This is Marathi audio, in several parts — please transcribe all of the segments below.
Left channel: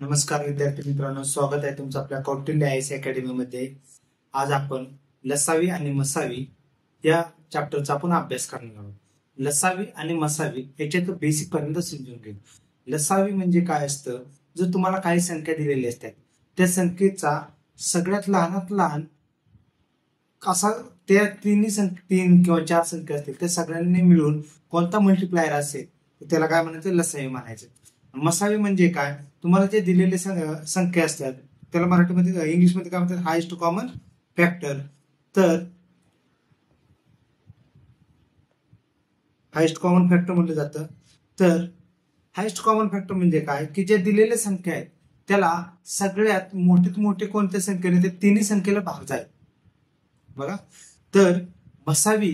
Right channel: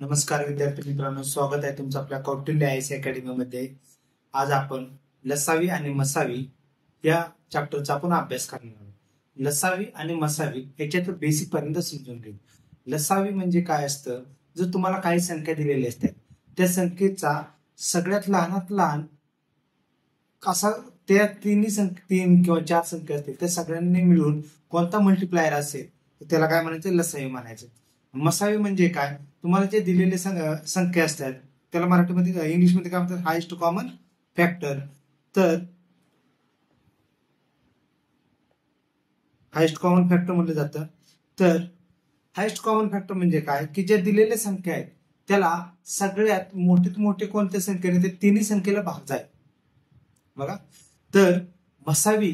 नमस्कार विद्यार्थी मित्रांनो, स्वागत आहे तुमचं आपल्या कौटिल्य आयएस अकॅडमी मध्ये। आज आपण लसावी आणि मसावी या चॅप्टरचा आपण अभ्यास करणार आहोत। लसावी आणि मसावी याच्यात बेसिक पर्यंत समजून घेऊ। लसावी म्हणजे काय असतं, जर तुम्हाला काही संख्या दिलेली असते त्या संख्येचा सगळ्यात लहानात लहान असा त्या तीन किंवा चार संख्या असतील त्या सगळ्यांनी मिळून कोणता मल्टिप्लायर असेल त्याला काय म्हणायचं, लसावी म्हणायचं। मसावी म्हणजे काय, तुम्हाला जे दिलेले संख्या असतात त्याला मराठीमध्ये इंग्लिशमध्ये काय म्हणतात, हायेस्ट कॉमन फॅक्टर। तर हायेस्ट कॉमन फॅक्टर म्हटलं जातं। तर हायेस्ट कॉमन फॅक्टर म्हणजे काय की जे दिलेल्या संख्या आहेत त्याला सगळ्यात मोठीत मोठे कोणत्या संख्येने, ते तिन्ही संख्येला भाग जाईल बघा। तर मसावी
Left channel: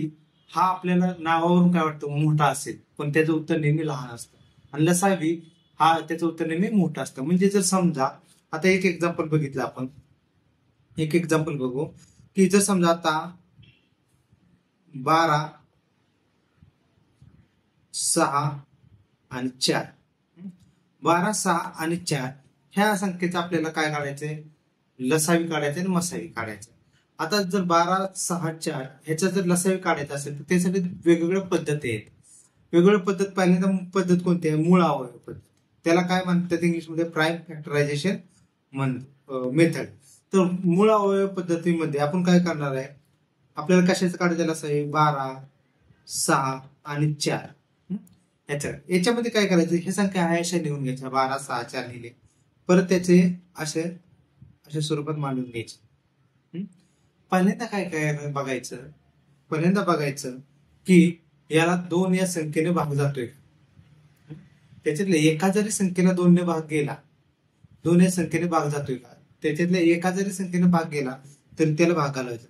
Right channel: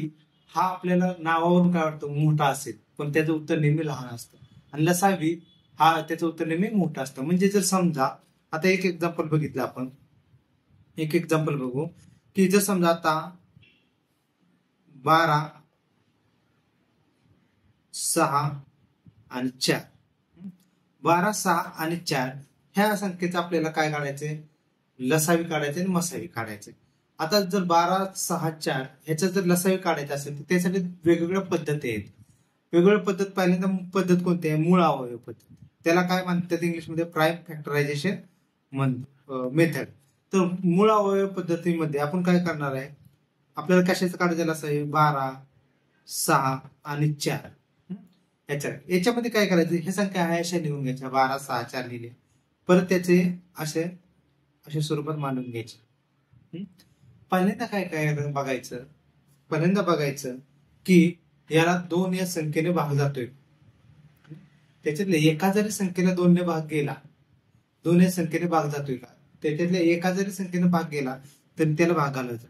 हा आपल्याला नावावरून काय वाटतं मोठा असेल, पण त्याचं उत्तर नेहमी लहान असतं। आणि लसावी हा त्याचं उत्तर नेहमी मोठं असतं। म्हणजे जर समजा आता एक एक्झाम्पल बघितलं आपण, एक एक्झाम्पल बघू की जर समजा आता 12, 6 आणि 4, 12, 6 आणि 4 ह्या संख्येचं आपल्याला काय काढायचंय, लसावी काढायचे आणि मसावी काढायचे। आता जर 12, 6, 4 ह्याचा जर लसावी काढायचा असेल तर त्यासाठी वेगवेगळ्या पद्धती आहेत। वेगवेगळ्या पद्धत पहिल्यांदा पद्धत कोणती आहे, मूळ अवयव पद्धत, त्याला काय म्हणतात इंग्लिशमध्ये प्राईम फॅक्टरायझेशन मेथड। तर मूळ अवयव पद्धतीमध्ये आपण काय करणार आहे, आपल्याला कशाचं काढायचं लसावी, 12, 6 आणि 4 याच्यामध्ये काय करायचं, हे संख्या आहे अशा लिहून घ्यायच्या, 12, 6, 4 लिहिले, परत त्याचे अशा स्वरूपात मांडून घ्यायचे। पहिल्यांदा काय काय बघायचं, पहिल्यांदा बघायचं की याला 2 या संख्येने भाग जातोय, त्याच्यातल्या एका जरी संख्येला 2 ने भाग गेला, 2 या संख्येने भाग जातोय का, त्याच्यातल्या एका जरी संख्येने भाग गेला तर त्याला भाग घालवायचा।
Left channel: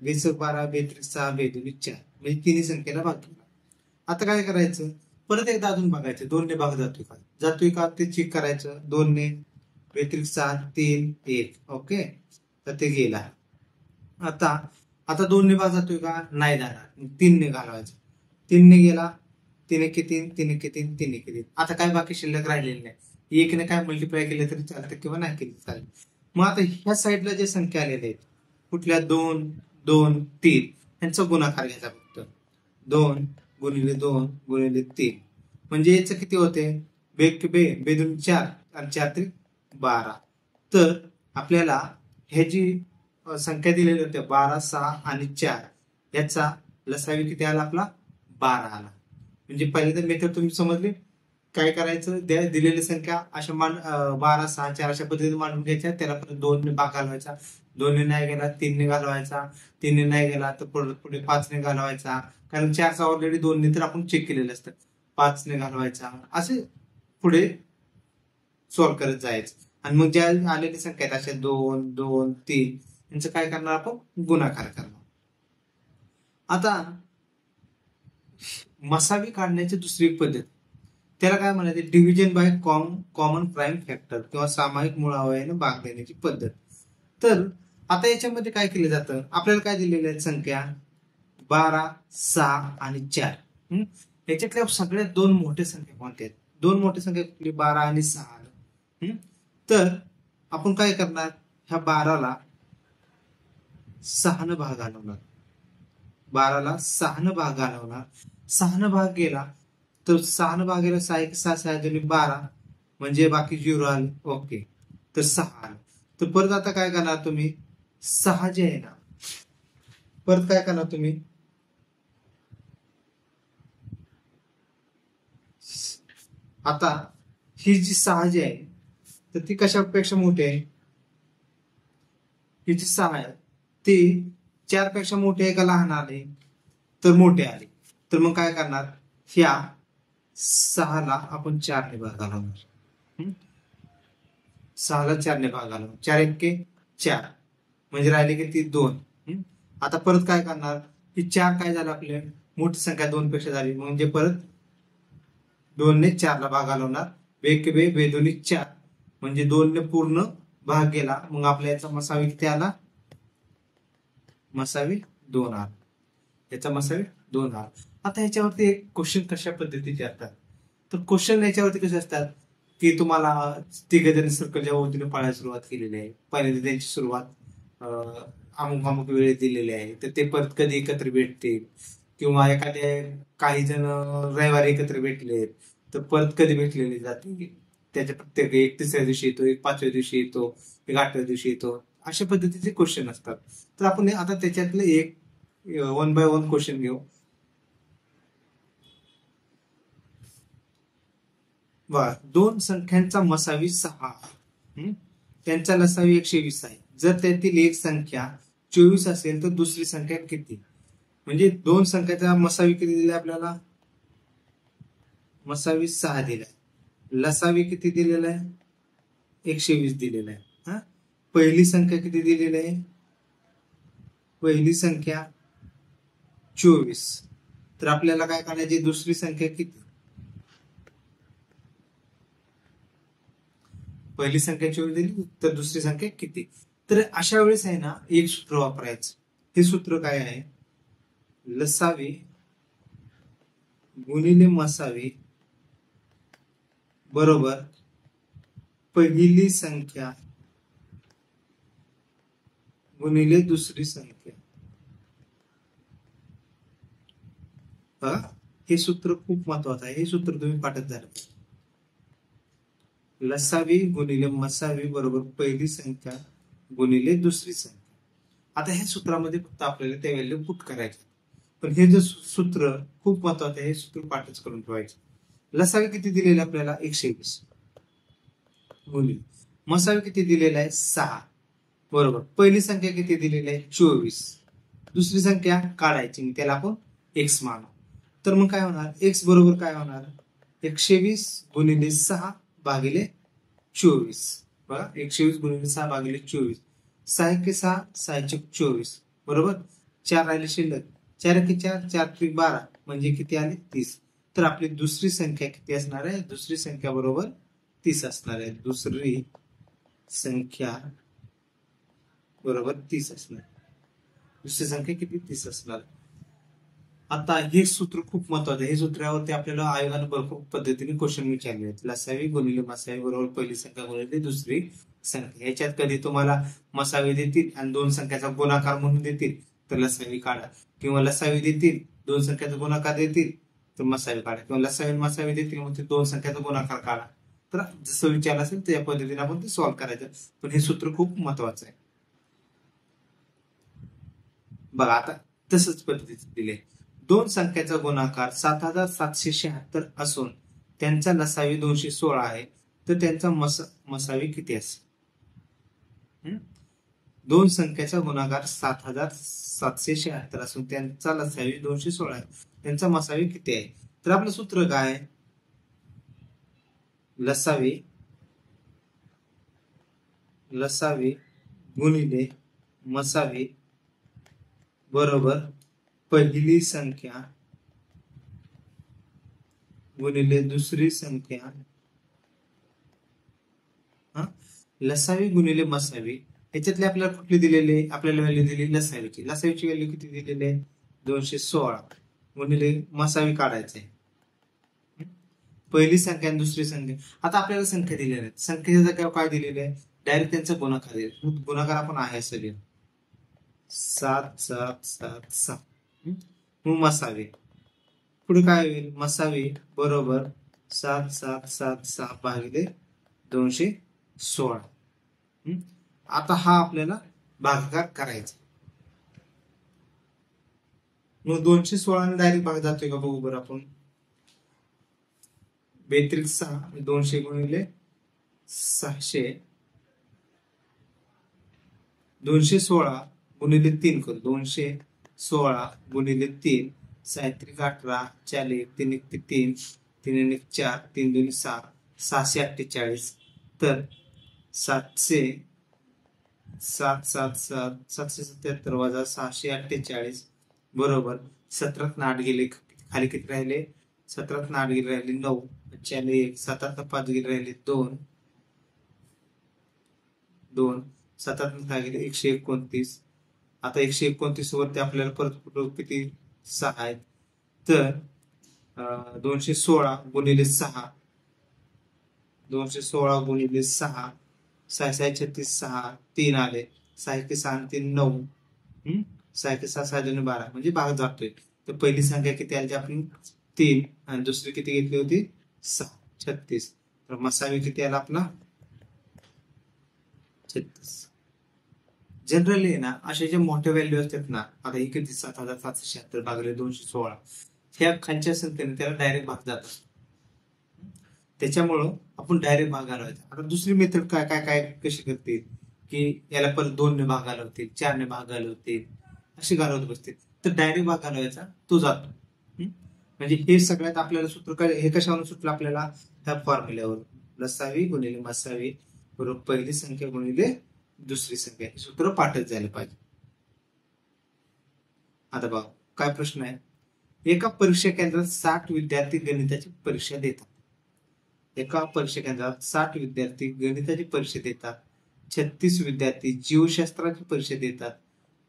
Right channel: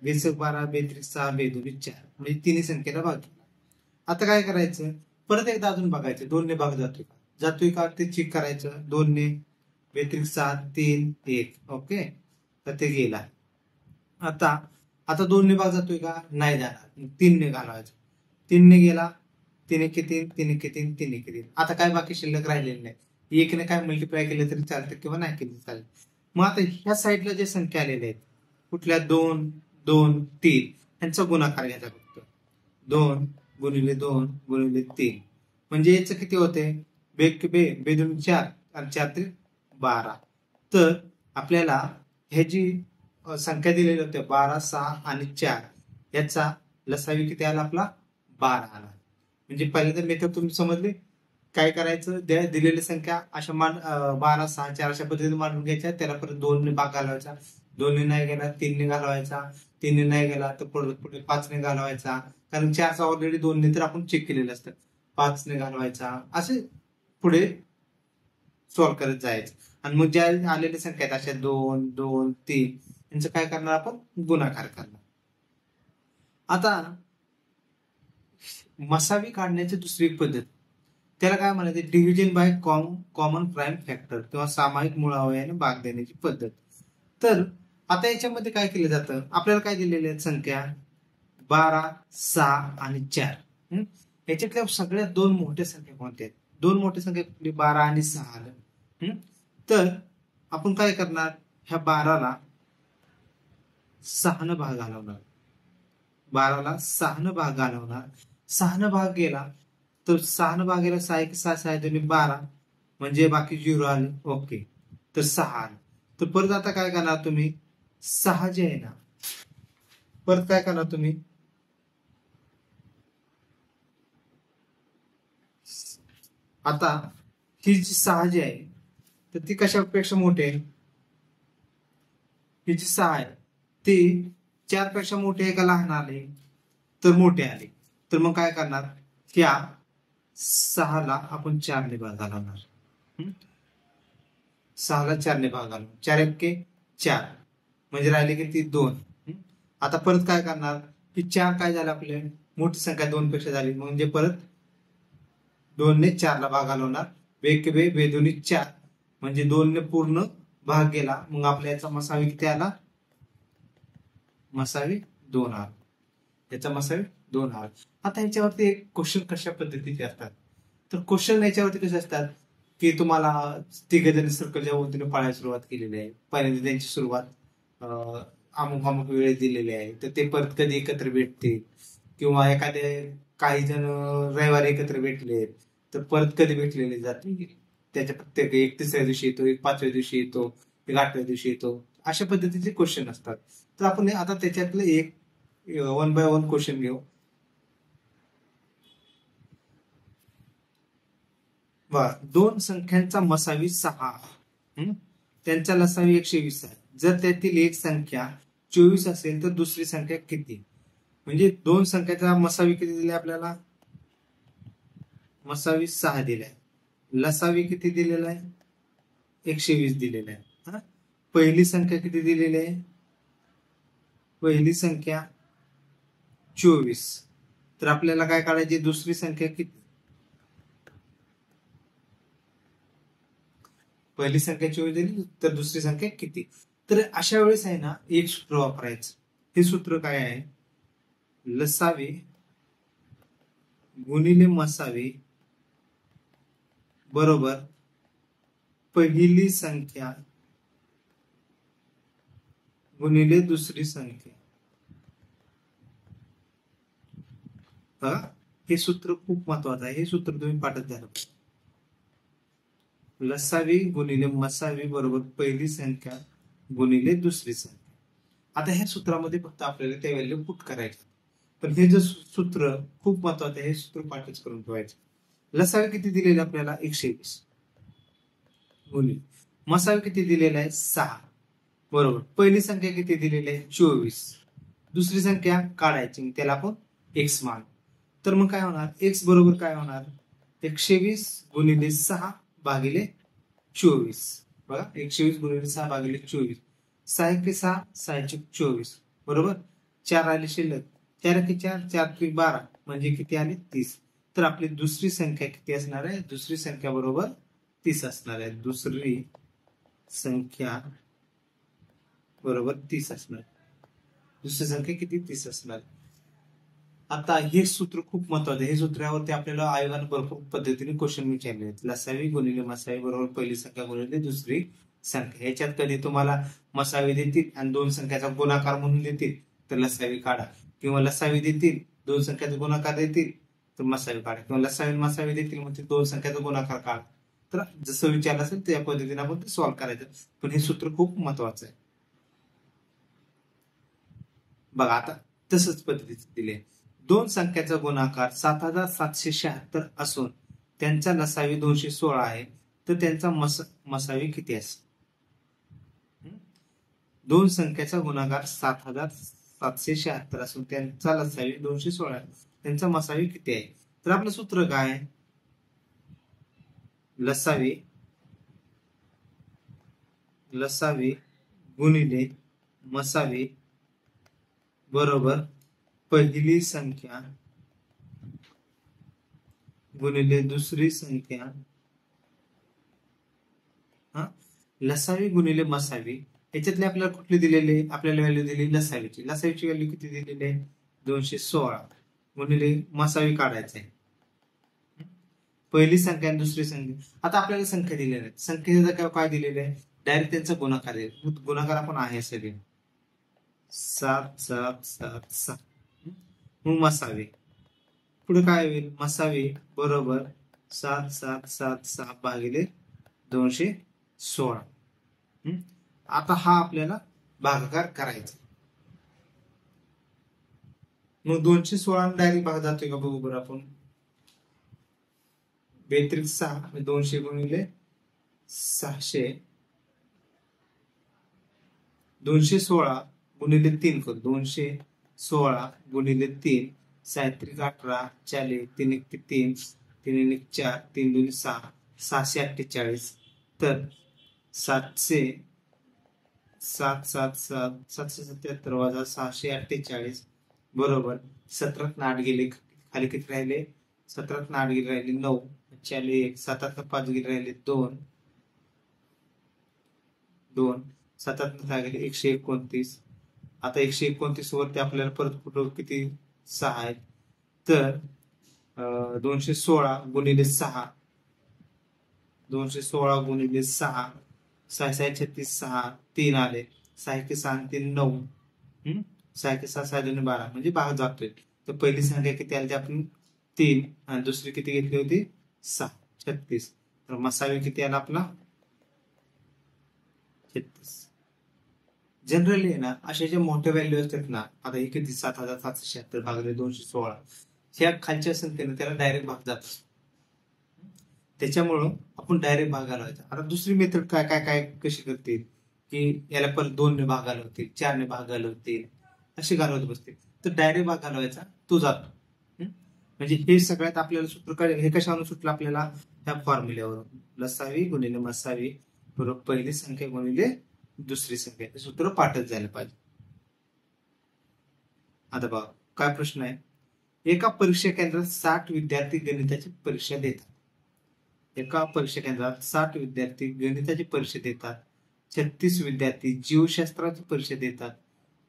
20, 12, 32, 6, 2, 4 म्हणजे तिन्ही संख्येला भाग गेला। आता काय करायचं, परत एकदा अजून बघायचं 2 ने भाग जातोय का ते चेक करायचं। 2 ने 32, 7, 3, 1 ओके, तर ते गेला। आता 2 ने भाग जातोय का, नाही जाणार, 3 ने घालवायचं। 3 ने गेला, 3 एके 3, 3 एके 3, 3 एके 3, आता काय बाकी शिल्लक राहिलेली नाही। 1 ने काय मल्टिप्लाय केलं तरी चालतं किंवा नाही केलं चालेल। मग आता ह्या साईडला जे संख्या आलेल्या आहेत कुठल्या, 2, 2, 3 यांचा गुणाकार घ्यायचा फक्त। 2 गुणिले 2 गुणिले 3 म्हणजे याचं किती होते, बे 2 4 आणि 4 3 12। तर आपल्याला हे जी संख्या दिलेली होत्या 12, 6 आणि 4 याचा लसावी किती आला, आपला 12 आला। म्हणजे पहिल्यांदा मेथड तुम्ही समजले, काय करायचं, दिलेली संख्या अशा 12, 6, 4 अशा पद्धतीने मांडून घ्यायच्या, त्याला परत 2 ने भाग घालवायचा, 2 ने नाही गेला 3 ने घालवायचा, 3 ने नाही गेला तर पुढे 5 ने घालवायचा, कारण 4चा ऑलरेडी 2 ने तर आपण चेक केलेलं असतं, 5 ने घालवायचा, असे पुढे सॉल्व्ह करत जायचं। आणि मग ज्या आलेल्या संख्या आहेत अशा 2, 2, 3 यांचं काय करणार, आपण गुणाकार करणार। आता मसावी काढण्याची दुसरी एक पद्धत, त्याला काय म्हणायचे, division by common prime factor किंवा सामायिक मूळ अवयवाने भाग देण्याची पद्धत। तर आता याच्यामध्ये काय केलं जातं, आपल्याला काय दिलेल्या आहेत संख्या, 12, 6 आणि 4 याच्यातल्या सगळ्यात 2 मोठ्या संख्या कोणत्या आहेत, 2 मोठ्या संख्या कुठली, 12 आणि 6 आलं। तर आपण काय करणार, ह्या 12ला 6 ने भाग घालवणार, 12ला 6 ने भाग घालवणार, 6 ने भाग गेला तर 6 ने भाग गेला, 6 1 6, 6 2 12 म्हणजे बाकी 0 आले ओके, तर 6 आले। तर परत आता काय करणार तुम्ही, 6 जे आहे ना, परत काय करणार तुम्ही, आता ही जी 6 जी आहे तर ती कशापेक्षा मोठी आहे, ही जी 6 आहे ती 4 पेक्षा मोठी आहे का लहान आले, तर मोठे आले। तर मग काय करणार, ह्या 6ला आपण 4 ने भाग घालवणार, 6ला 4 ने भाग घालवणार, 4 एके 4 म्हणजे राहिले किती, 2। आता परत काय करणार, ही 4 काय झालं, आपले मोठी संख्या 2 पेक्षा झाली, म्हणजे परत 2 ने 4 ला भाग घालवणार, बे 2 4 म्हणजे 2 ने पूर्ण भाग गेला, मग आपल्या याचा मसावी किती आला, मसावी 2 आला, याचा मसावी 2 आला। आता याच्यावरती एक क्वेश्चन कशा पद्धतीचे असतात, तर क्वेश्चन याच्यावरती कसे असतात, की तुम्हाला तिघ जण सर्कलच्या वतीने पाळायला सुरुवात केलेली आहे. पहिल्यांदा त्यांची सुरुवात अमुक अमुक वेळेस दिलेली आहे, तर ते परत कधी एकत्र भेटतील, किंवा एखाद्या काही जण रविवारी एकत्र भेटले तर परत कधी भेटलेले जाते. त्याच्या प्रत्येक एक तिसऱ्या दिवशी येतो, एक पाचव्या दिवशी येतो, एक आठव्या दिवशी येतो. अशा पद्धतीचे क्वेश्चन असतात. तर आपण आता त्याच्यातलं एक 1 बाय 1 क्वेश्चन घेऊ. दोन संख्यांचा मसावी 6, त्यांचा लसावी 120 आहे. जर त्यातील एक संख्या 24 असेल तर दुसरी संख्या किती? म्हणजे दोन संख्याचा मसावी किती दिले आपल्याला? मसावी 6 दिलाय. लसावी किती दिलेला आहे? 120 दिलेला आहे. पहिली संख्या किती दिलेली आहे? पहिली संख्या 24. तर आपल्याला काय काढायची? दुसरी संख्या किती? पहिली संख्या 24 दिली तर दुसरी संख्या किती? तर अशा वेळेस आहे ना, एक सूत्र वापरायचं. हे सूत्र काय आहे? लसावी गुणिले मसावी बरोबर पहिली संख्या गुणिले दुसरी संख्या. हे सूत्र खूप महत्वाचं आहे. हे सूत्र तुम्ही पाठच झालं. लसावी गुणिले मसावी बरोबर पहिली संख्या गुणिले दुसरी संख्या. आता ह्या सूत्रामध्ये फक्त आपल्याला त्या व्हॅल्यू पुट करायचे. पण हे जे सूत्र खूप महत्वाचं आहे, हे सूत्र पाठच करून ठेवायचे. लसावी किती दिलेलं आपल्याला? 120 गुणिले मसावी किती दिलेला आहे? 6 बरोबर पहिली संख्या किती दिलेली आहे? 24. दुसरी संख्या काढायची, त्याला आपण x मानू. तर मग काय होणार? x बरोबर काय होणार? 120 गुणिले 6 भागिले 24. बघा, 120 गुणिले 6 भागिले 24. 6 1 6, 6 24 बरोबर. 4 राहिले शिल्लक. 4 1 4, 4 3 12 म्हणजे किती आले? 30. तर आपली दुसरी संख्या किती असणार आहे? दुसरी संख्या बरोबर 30 असणार आहे. दुसरी संख्या बरोबर 30 असणार. दुसरी संख्या किती? 30 असणार. आता हे सूत्र खूप महत्वाचं आहे. हे सूत्रावरती आपल्याला आयोगाने भरपूर पद्धतीने क्वेश्चन विचारले आहेत. लसावी गुणिले मसावी बरोबर पहिली संख्या गुणिले दुसरी संख्या. ह्याच्यात कधी तुम्हाला मसावी देतील आणि दोन संख्याचा गुणाकार म्हणून देतील तर लसावी काढा, किंवा लसावी देतील दोन संख्याचा गुणाकार देतील तर मसावी काढा, किंवा लसावी मसावी देतील म्हणजे दोन संख्याचा गुणाकार काढा. तर जसं विचारलं असेल त्या पद्धतीने आपण ते सॉल्व्ह करायचं. पण हे सूत्र खूप महत्वाचं आहे. बघा, आता तसंच पद्धतीने दिले. दोन संख्याचा गुणाकार 7776 असून त्यांचा लसावी 216 आहे, तर त्यांचा मसावी किती असेल? दोन संख्याचा गुणाकार 7776 असून त्यांचा लसावी 216 आहे, त्यांचा मसावी किती आहे? तर आपलं सूत्र काय? लसावी गुणिले मसावी बरोबर पहिली संख्या गुणिले दुसरी संख्या. लसावी गुणिले मसावी याच्यातले आपल्याला कुठली दिलेली? आपल्याला व्हॅल्यू दिली लसावीची. लसावीची व्हॅल्यू किती दिलेली आहे? 216 गुणिले मसावी काढायचं आहे. पहिली संख्या आणि दुसरी संख्या. आता आपल्याला संख्या दिलेल्या आहेत. संख्येचा काय दिलेलं आहे? डायरेक्ट त्यांचा गुणाकार दिला. गुणाकार आपण आहे सगळे 7 7 7 7. मग मसावी पुढे काय होईल? मसावी बरोबर 7 7 7 6 भागिले 216. आता हा आपल्याला भागाकार करायचा. मग 216 डायरेक्ट भाग जातोय का बघू बरं आपण. 42 6 200 गुणिले 600 216 गुणिले 3 करू. 216 गुणिले 3 7 18 40 3 1 3 3 1 4 3 2 6 648. तर 700 7 7 7 777 वजा 648 बरोबर 17 8 गेले खाली किती राहिले? 17 8 गेले राहिले 9 41 7 5 गेले राहिले 2 2 7 काय गेले 129. आता 129 वरती आपल्याला परत कुठं किती 6 आहेत. तर 216 गुणिले 6 216 गुणिले 6, 6 6 36, 6 3 आले, 6 1 6 3 9, 6 1 6 6 2 12 म्हणजे भाग जातोय. तर पहिली संख्या किती आली आपण 3 आणि दुसरी किती घेतली होती 6 36. तर मसावी किती आला आपला 36. जनरली ना असे जे मोठे व्हॅल्यू असतात ना, आता ही किती 7776 भागिले 216, ह्या खालच्या संख्येने त्याला डायरेक्ट भाग जात असतो. त्याच्यामुळं आपण डायरेक्ट भाग घालवायचा. आता दुसरी मेथड काय काय काय कशी करतील की याला परत 2 ने भाग घालवतील, 4 ने भाग घालवतील, अशी घालवत बसतील. तर डायरेक्ट भाग घालवायचा तो जातो. म्हणजे हे सगळ्यात आपल्याला सूत्र काय, हे कशावरून सुटलं आपल्याला, ह्या फॉर्म्युल्यावरून. लसावी गुणिले मसावी बरोबर पहिली संख्या गुणिले दुसरी संख्या, हे सूत्र पाठच झालं पाहिजे. आता बघा काय प्रश्न आहे. एका परीक्षा केंद्रात 60 विद्यार्थी गणिताची परीक्षा देतात. एका परीक्षा केंद्रात 60 विद्यार्थी गणिताची परीक्षा देतात, 36 विद्यार्थी जीवशास्त्राची परीक्षा देतात,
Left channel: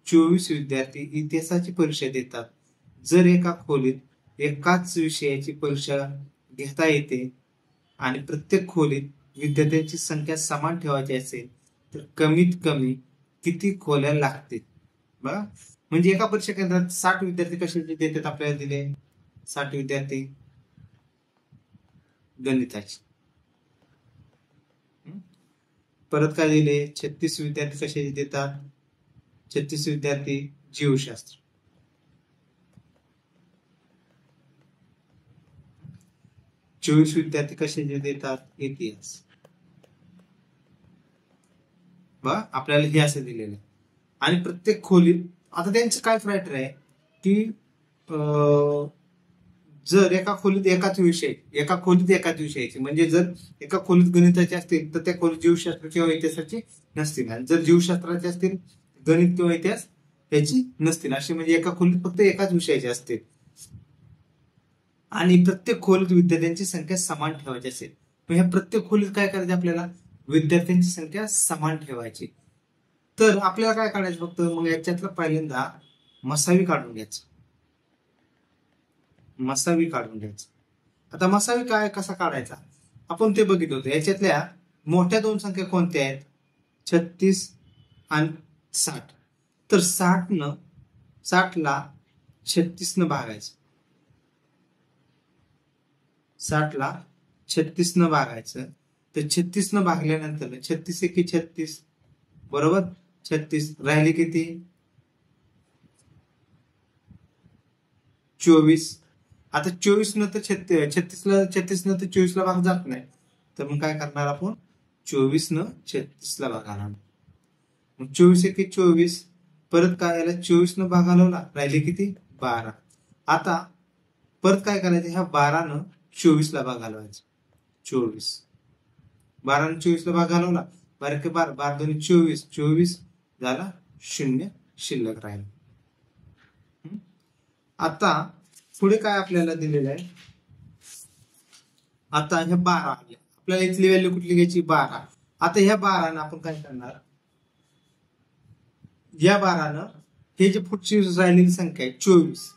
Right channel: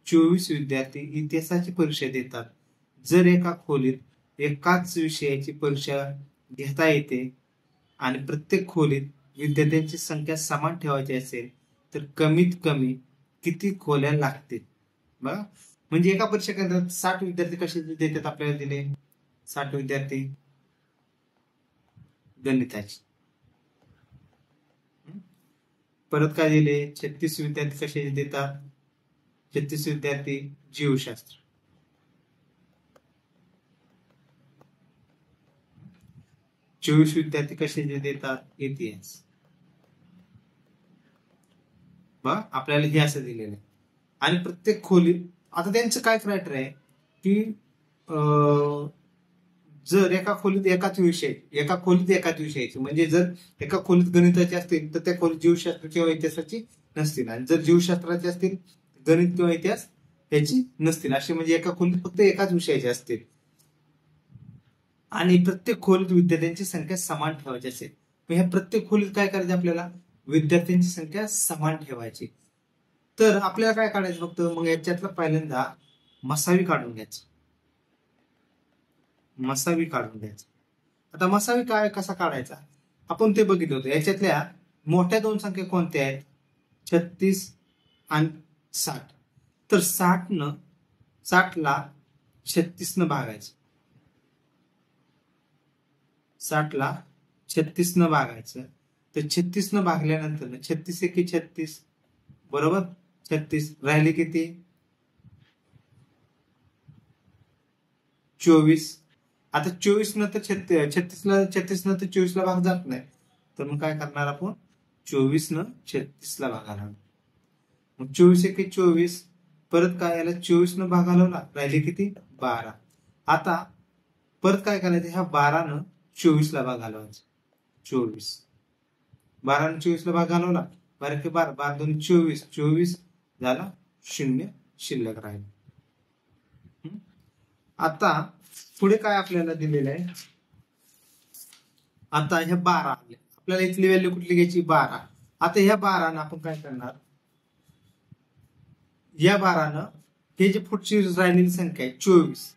24 विद्यार्थी इतिहासाची परीक्षा देतात. जर एका खोलीत एकाच विषयाची परीक्षा घेता येते आणि प्रत्येक खोलीत विद्यार्थ्यांची संख्या समान ठेवायची असेल तर कमीत कमी किती खोल्या लागतील. बघा म्हणजे एका परीक्षा केंद्रात 60 विद्यार्थी कसे देतात आपल्याला दिले, 60 विद्यार्थी गणिताची, परत काय दिले 36 विद्यार्थी कशाचे देतात, 36 विद्यार्थी जीवशास्त्र, 24 विद्यार्थी कशाचे देतात इतिहास. बघा आपल्याला हे असं दिलेलं आहे. आणि प्रत्येक खोलीत आता त्यांचं काय क्रायटेरिया आहे की जर एका खोलीत एकाच विषयाची म्हणजे जर एका खोलीत गणिताचे असतील तर त्या खोलीत जीवशास्त्र किंवा इतिहासाची नसतील, आणि जर जीवशास्त्राचे असतील गणित किंवा इतिहास याची नसतील. असे म्हणजे एका खोलीत फक्त एकाच विषयाचे असतील आणि प्रत्येक खोलीत विद्यार्थ्यांची संख्या समान ठेवायची असेल. मग ह्या प्रत्येक खोलीत काय करायचं आपल्याला, विद्यार्थ्यांची संख्या समान ठेवायची. तर आपल्याला काय काढायचं फक्त, मग याच्यातलं पहिल्यांदा मसावी काढून घ्यायचं. आता मसावी काय कसा काढायचा आपण ते बघितलं होतं. याच्यातल्या मोठ्या दोन संख्या कोणत्या आहेत, 36 आणि 60. तर 60 ला 36 न भागायचं, 60 ला 36 न भागायचं. तर 36 न भागल्यानंतर 36 एकी 36 बरोबर 36 राहिले किती 24. आता 24 न तर 36 ला 24 ला भाग जात नाही, तर मग काय करणार आपण 24 न 36 ला भाग घालणार. मग 24 एकी 24 परत काय याला 24 न भाग घालवला, राहिले किती 12. आता परत काय करायचं, ह्या 12 न 24 ला भाग घालवायचा. 12 न 24 ला भाग घालवला, 12 के 12 12 दोन्ही 24 झाला 0 शिल्लक राहील. आता पुढे काय आपल्याला दिलेलं आहे, आता ह्या 12 आले आपल्याला, इथली व्हॅल्यू कुठली घ्यायची 12. आता ह्या 12 न आपण काय करणार, या 12 न हे जे पुढची राहिलेली संख्या आहे 24,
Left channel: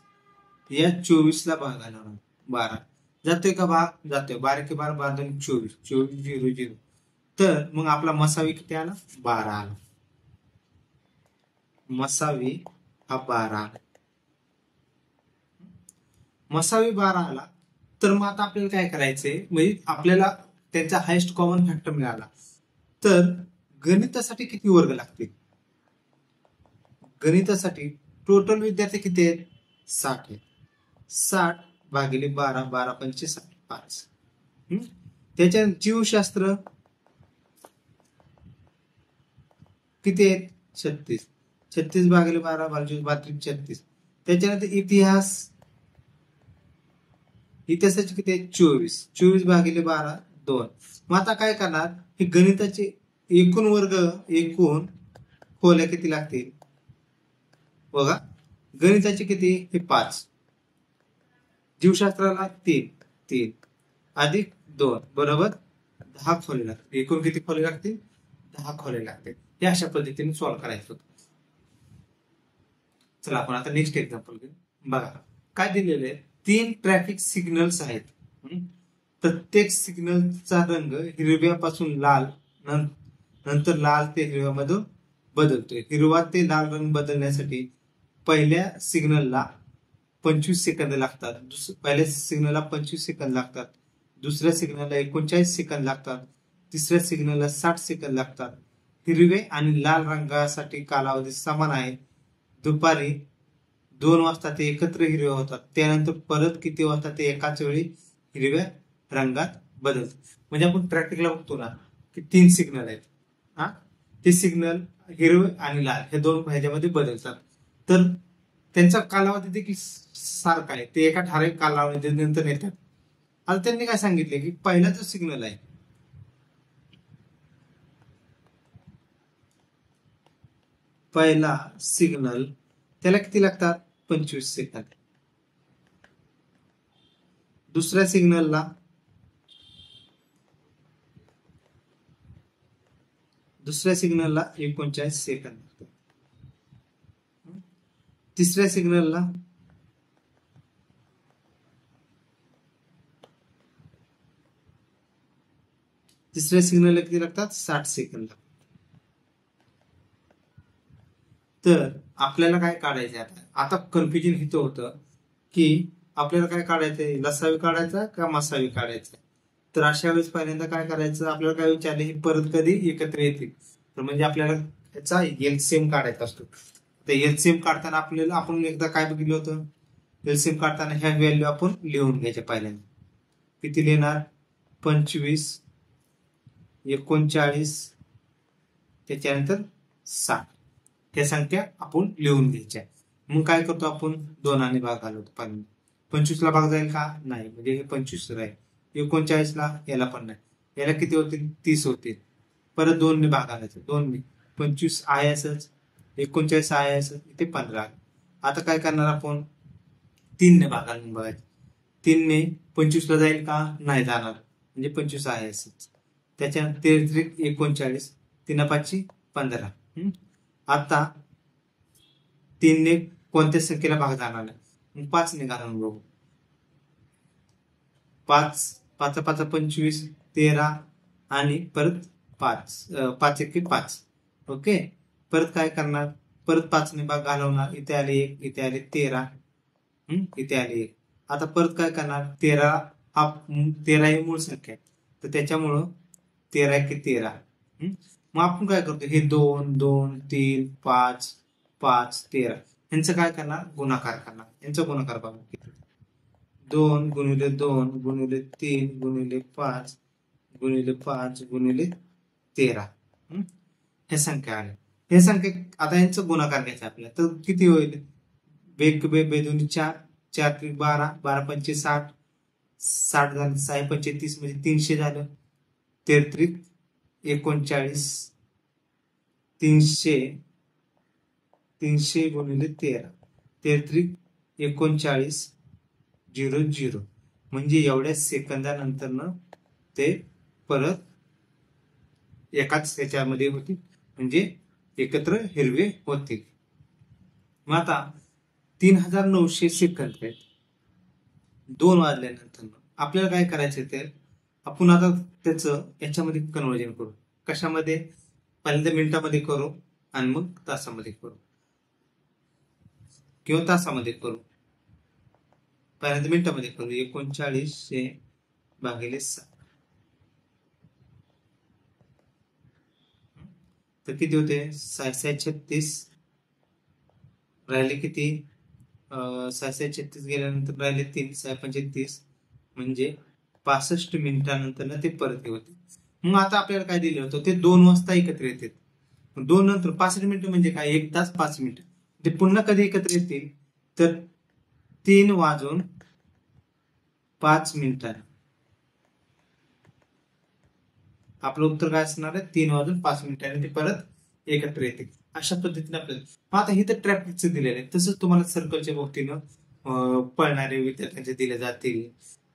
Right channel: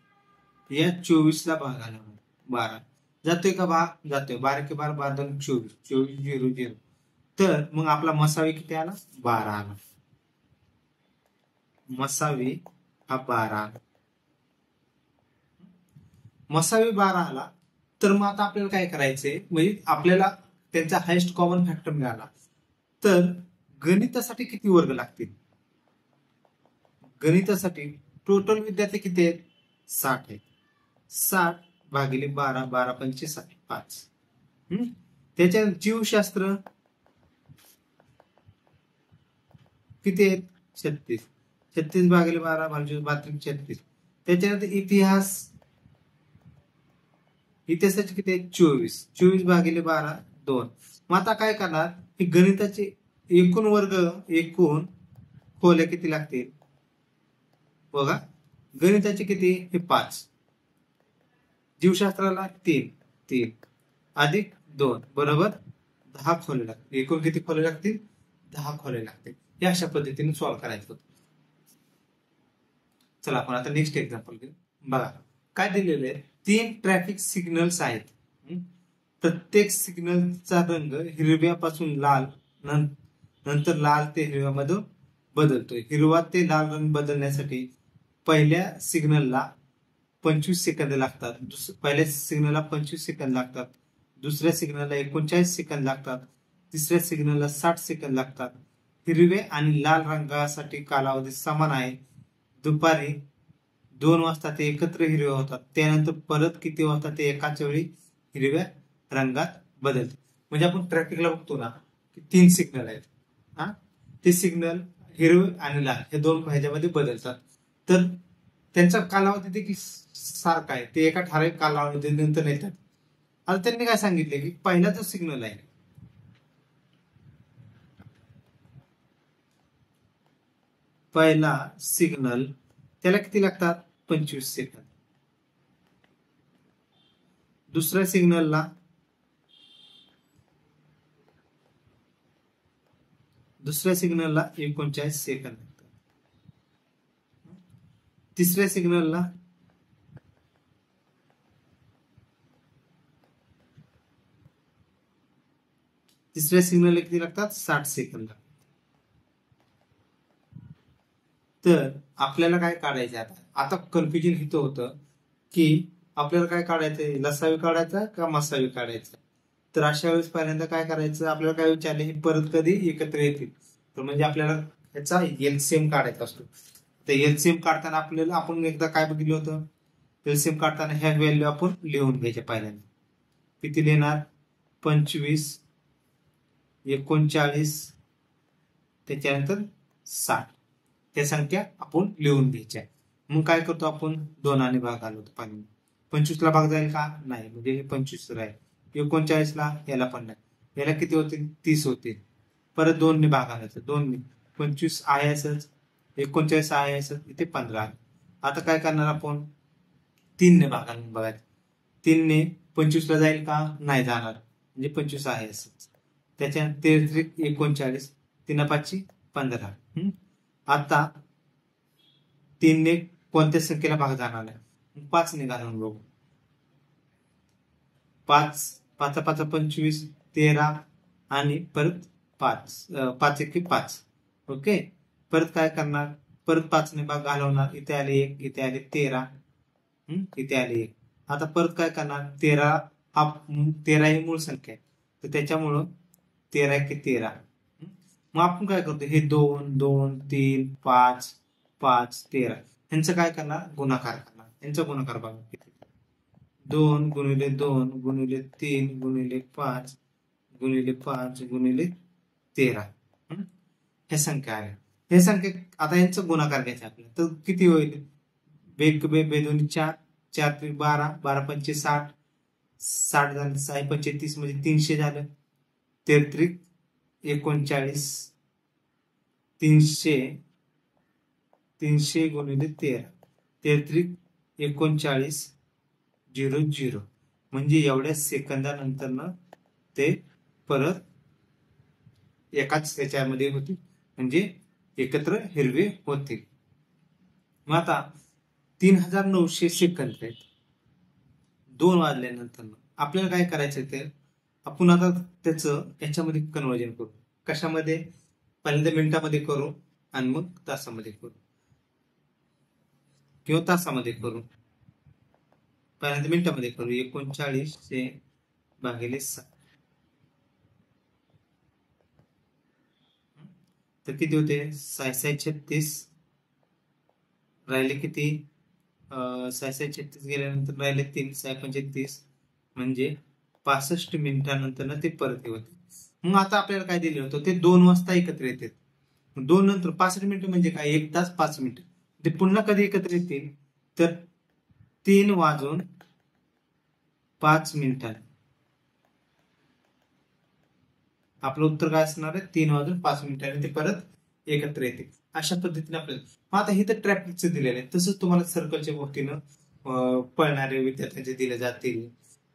या 24 ला भाग घालवणार. 12 जातोय का भाग, जातोय. 12 के 12 12 दोन्ही 24 0 0. तर मग आपला मसावी किती आला 12 आला. मसावी हा 12 आला. मसावी 12 आला. तर मग आता आपल्याला काय करायचंय, म्हणजे आपल्याला त्यांचा हायेस्ट कॉमन फॅक्टर मिळाला. तर गणितासाठी किती वर्ग लागतील, गणितासाठी टोटल विद्यार्थी किती आहेत 60 आहेत. 60 भागिले 12 12 पंचे 5. त्याच्या जीवशास्त्र किती आहेत 36. 36 भागिले 12 32 36. त्याच्यानंतर इतिहासाचे किती आहेत 24 भागिले 12 2. मग आता काय करणार की गणिताचे एकूण वर्ग एकूण खोल्या किती लागतील बघा. गणिताचे किती हे 5, जीवशास्त्राला 3 अधिक 2 बरोबर 10 खोले लागतील. एकूण किती खोले लागतील 10 खोले लागतील. हे अशा पद्धतीने सॉल्व्ह करायचं होतं. चला आपण आता नेक्स्ट एक्झाम्पल घेऊ. बघा काय दिलेले आहे, 3 ट्रॅफिक सिग्नल्स आहेत. प्रत्येक सिग्नलचा रंग हिरव्यापासून लाल नंतर लाल ते हिरव्यामध्ये बदलतो. हिरवा ते लाल रंग बदलण्यासाठी पहिल्या सिग्नलला 25 सेकंद लागतात, पहिल्या सिग्नलला 25 सेकंद लागतात, दुसऱ्या सिग्नलला 39 सेकंद लागतात, तिसऱ्या सिग्नलला 60 सेकंद लागतात. हिरवे आणि लाल रंगासाठी कालावधी समान आहे. दुपारी 2 वाजता ते एकत्र हिरवे होतात, त्यानंतर परत किती वाजता ते एकाच वेळी हिरव्या रंगात बदलतात. म्हणजे आपण प्रॅक्टिकला बघतो ना की 3 सिग्नल आहेत, ते सिग्नल हिरवे आणि लाल हे दोन ह्याच्यामध्ये बदलतात, तर त्यांचा कालावधी देखील सारखा आहे, ते एका ठराविक कालावधी नंतर येतात. आता त्यांनी काय सांगितले की पहिला जो सिग्नल आहे पहिला सिग्नल त्याला किती लागतात 25 सेकंद, दुसऱ्या सिग्नलला दुसऱ्या सिग्नलला 39 सेकंद लागतात, तिसऱ्या सिग्नलला किती लागतात 60 सेकंद लागतात. तर आपल्याला काय काढायचं आता कन्फ्युजन इथं होतं की आपल्याला काय काढायचंय, लसावी काढायचा का मसावी काढायचा. तर अशा वेळेस पहिल्यांदा काय करायचं, आपल्याला काय विचारले ही परत कधी एकत्र येतील, तर म्हणजे आपल्याला ह्याचा एलसीएम काढायचा असतो. तर एलसीएम काढताना आपल्याला आपण एकदा काय बघितलं होतं, एलसीएम काढताना ह्या व्हॅल्यू आपण लिहून घ्यायच्या. पहिल्यांदा किती लिहिणार 25, 39, त्याच्यानंतर 60 ह्या संख्या आपण लिहून घ्यायच्या. मग काय करतो आपण 2 भाग घालवतो. पहिल्यांदा 25 ला भाग जाईल का नाही, म्हणजे हे 25 राहील. 39 ला याला पण नाही, याला किती होतील 30 होतील. परत 2 ने भाग घालायचा, 2 ने 25 आहे असंच, 39 आहे असंच, इथे 15 आहे. आता काय करणार आपण 3 ने भाग घालून बघायचं. 3 ने 25 ला जाईल का नाही जाणार, म्हणजे 25 आहे असंच. त्याच्यानंतर 39, 3 5 15. आता 3 ने कोणत्या संख्येला भाग जाणार नाही, 5 ने घालून बघू. 5 5 5 25, 13 आणि परत 5 1 5. ओके, परत काय करणार, परत 5 ने भाग घालवणार, इथे आले 1, इथे आले 13, इथे आले 1. आता परत काय करणार, 13 ही मूळ संख्या आहे, तर त्याच्यामुळं 13 1 13. मग आपण काय करतो, हे 2 2 3 5 5 13 यांचं काय करणार, गुणाकार करणार. यांचा गुणाकार बघा, 2 गुणिले 2 गुणिले 3 गुणिले 5 गुणिले 5 गुणिले 13 हे संख्या आहे. हे संख्या आता यांचा गुणाकार घ्यायचा आपल्याला, तर किती होईल, बेदोनी 4 4 त्रिक 12 12 पंचे 60 60 झाले, 6 पंचे 30 म्हणजे 300 झालं. 13 त्रिक 39 300 गुणिले 13 13 त्रिक 39 0 0 म्हणजे एवढ्या सेकंदानंतर ते परत एकाच त्याच्यामध्ये होतील, म्हणजे एकत्र हिरवे होतील. मग आता 3900 सेकंद आहेत, 2 वाजल्यानंतर आपल्याला काय करायचं, ते आपण आता त्याचं याच्यामध्ये कन्वर्जन करू. कशामध्ये, पहिल्यांदा मिनिटामध्ये करू आणि मग तासामध्ये करू किंवा तासामध्ये करू. पहिल्यांदा मिनिटामध्ये करू. 3900 भागिले 7 तर किती होते, 636 राहिले किती, 636 गेल्यानंतर राहिले 3 6 पंचे 30 म्हणजे 65 मिनिटानंतर ते परत होते. मग आता आपल्याला काय दिलं होतं, ते 2 वाजता एकत्र येतात. 2 नंतर 65 मिनिटं म्हणजे काय, 1 तास 5 मिनिटं. ते पुन्हा कधी एकत्र येतील, तर 3 वाजून 5 मिनिटांनी. आपलं उत्तर काय असणार आहे, 3 वाजून 5 मिनिटांनी ते परत एकत्र येतील. अशा पद्धतीने आपल्याला. आता हे तर ट्रॅफिकचं दिलेलं आहे, तसंच तुम्हाला सर्कलच्या भोवतीनं पळणारे विद्यार्थ्यांचे दिले जातील,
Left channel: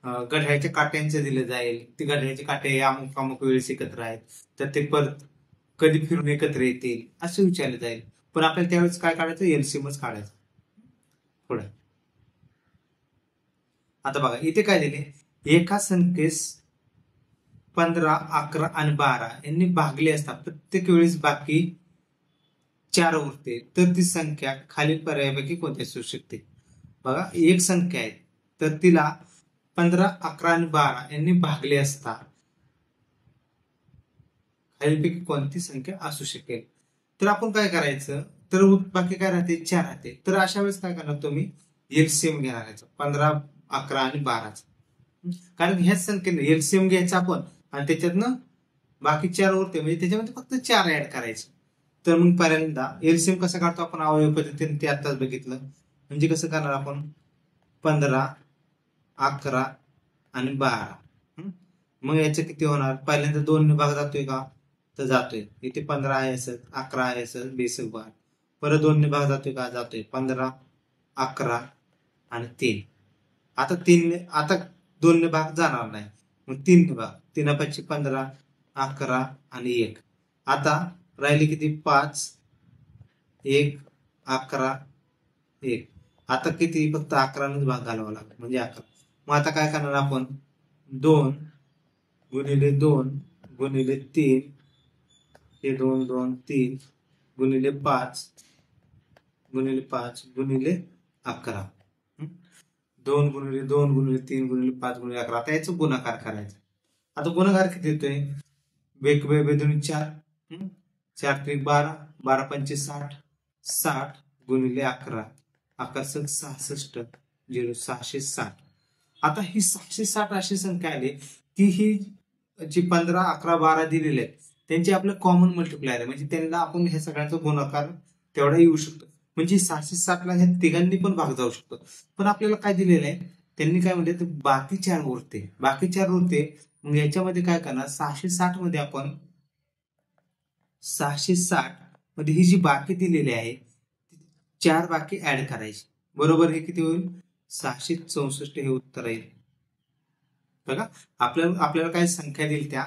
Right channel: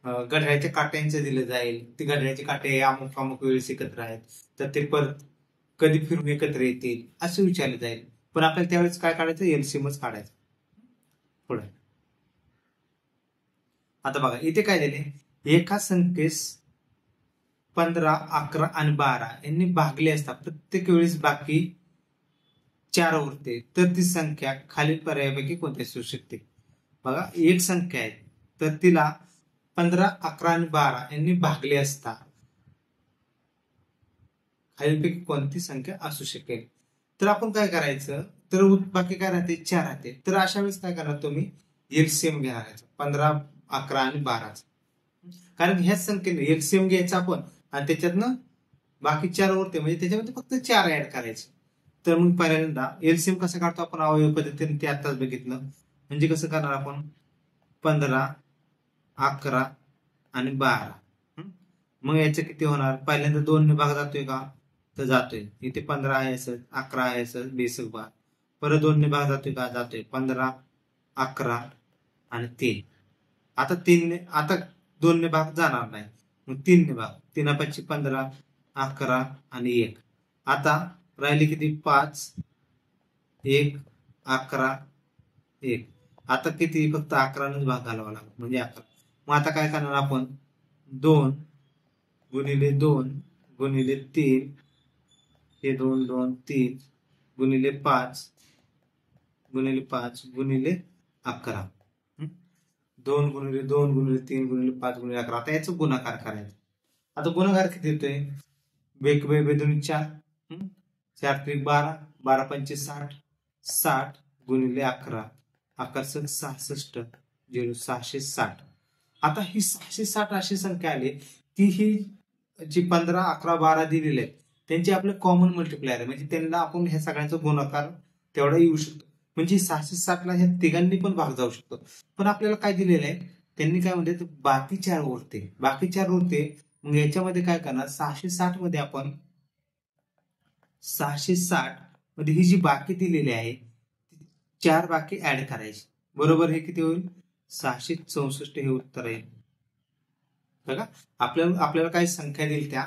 घड्याळाच्या काट्यांचे दिले जाईल. ते घड्याळाचे काटे अमुक अमुक वेळेस एकत्र आहेत, तर ते परत कधी फिरून एकत्र येतील असं विचारलं जाईल. पण आपल्याला त्यावेळेस काय काढायचं, एलसीएमच काढायचं. पुढे आता बघा इथे काय दिले, एका संख्येस 15, 11 आणि 12 यांनी भागले असता प्रत्येक वेळेस बाकी 4 उरते, तर ती संख्या खालील पर्यायापैकी कोणती असू शकते? बघा, एक संख्या आहे तर तिला 15, 11 आणि 12 यांनी भागले असता खालीलपैकी कोणती संख्या असू शकेल? तर आपण काय करायचं, तर बाकी काय राहते? 4 राहते. तर अशा वेळेस काय करणार तुम्ही? एलसीएम घेणार 15, 11 आणि 12. कारण ह्याच संख्येने एलसीएम घ्यायचा आपण आणि त्याच्यातनं बाकी 4 उरते, म्हणजे त्याच्यामध्ये फक्त 4 ऍड करायचे. तर मग पहिल्यांदा एलसीएम कसं काढतो आपण अवयव पद्धतीने, ते आताच बघितलं. म्हणजे कसं करणार आपण? 15, 11 आणि 12. मग याचं किती होणार? पहिल्यांदा 2 ने भाग जातोय का? तर जातोय. इथे 15 आहे असं, 11 आहे असं, बेसिक भाग. परत 2 ने भाग जातोय का? जातोय. 15, 11 आणि 3. आता 3 ने, आता 2 ने भाग जाणार नाही, मग 3 ने भाग. 3 15, 11 आणि 1. आता राहिले किती? 5, 1, 11, 1. आता किती? फक्त 11 ने भाग घालावा लागतो, म्हणजे 11. मग आता काय करणार आपण? 2 गुणिले 2 गुणिले 3, हे 2, 2, 3 गुणिले 5 गुणिले 5 गुणिले 11. 2 गुणिले 2 गुणिले 3 गुणिले 5 गुणिले 11. आता याचा गुणाकार करायचा. आता गुणाकार किती येतोय? बेदुनी 4, 4 त्रिक 12, 12 पंचे 60, 60 गुणिले 11, 11 66, 0 660. आता ही 660 अशी संख्या आली की ही जी 15, 11, 12 दिलेले आहेत त्यांचे आपलं कॉमन मल्टिप्लायर आहे, म्हणजे त्यांना आपण ह्या सगळ्यांचा गुणाकार तेवढा येऊ शकतो. म्हणजे 660 ला ह्या तिघांनी पण भाग जाऊ शकतो. पण आपल्याला काय दिलेलं आहे? त्यांनी काय म्हणले, तर बाकी 4 उरते, बाकी 4 उरते. मग याच्यामध्ये काय करणार? 660 मध्ये आपण 660 मध्ये ही जी बाकी दिलेली आहे 4 बाकी ऍड करायची. बरोबर, हे किती होईल? 664 हे उत्तर आहे. बघा, आपल्याला काय संख्या दिली त्या,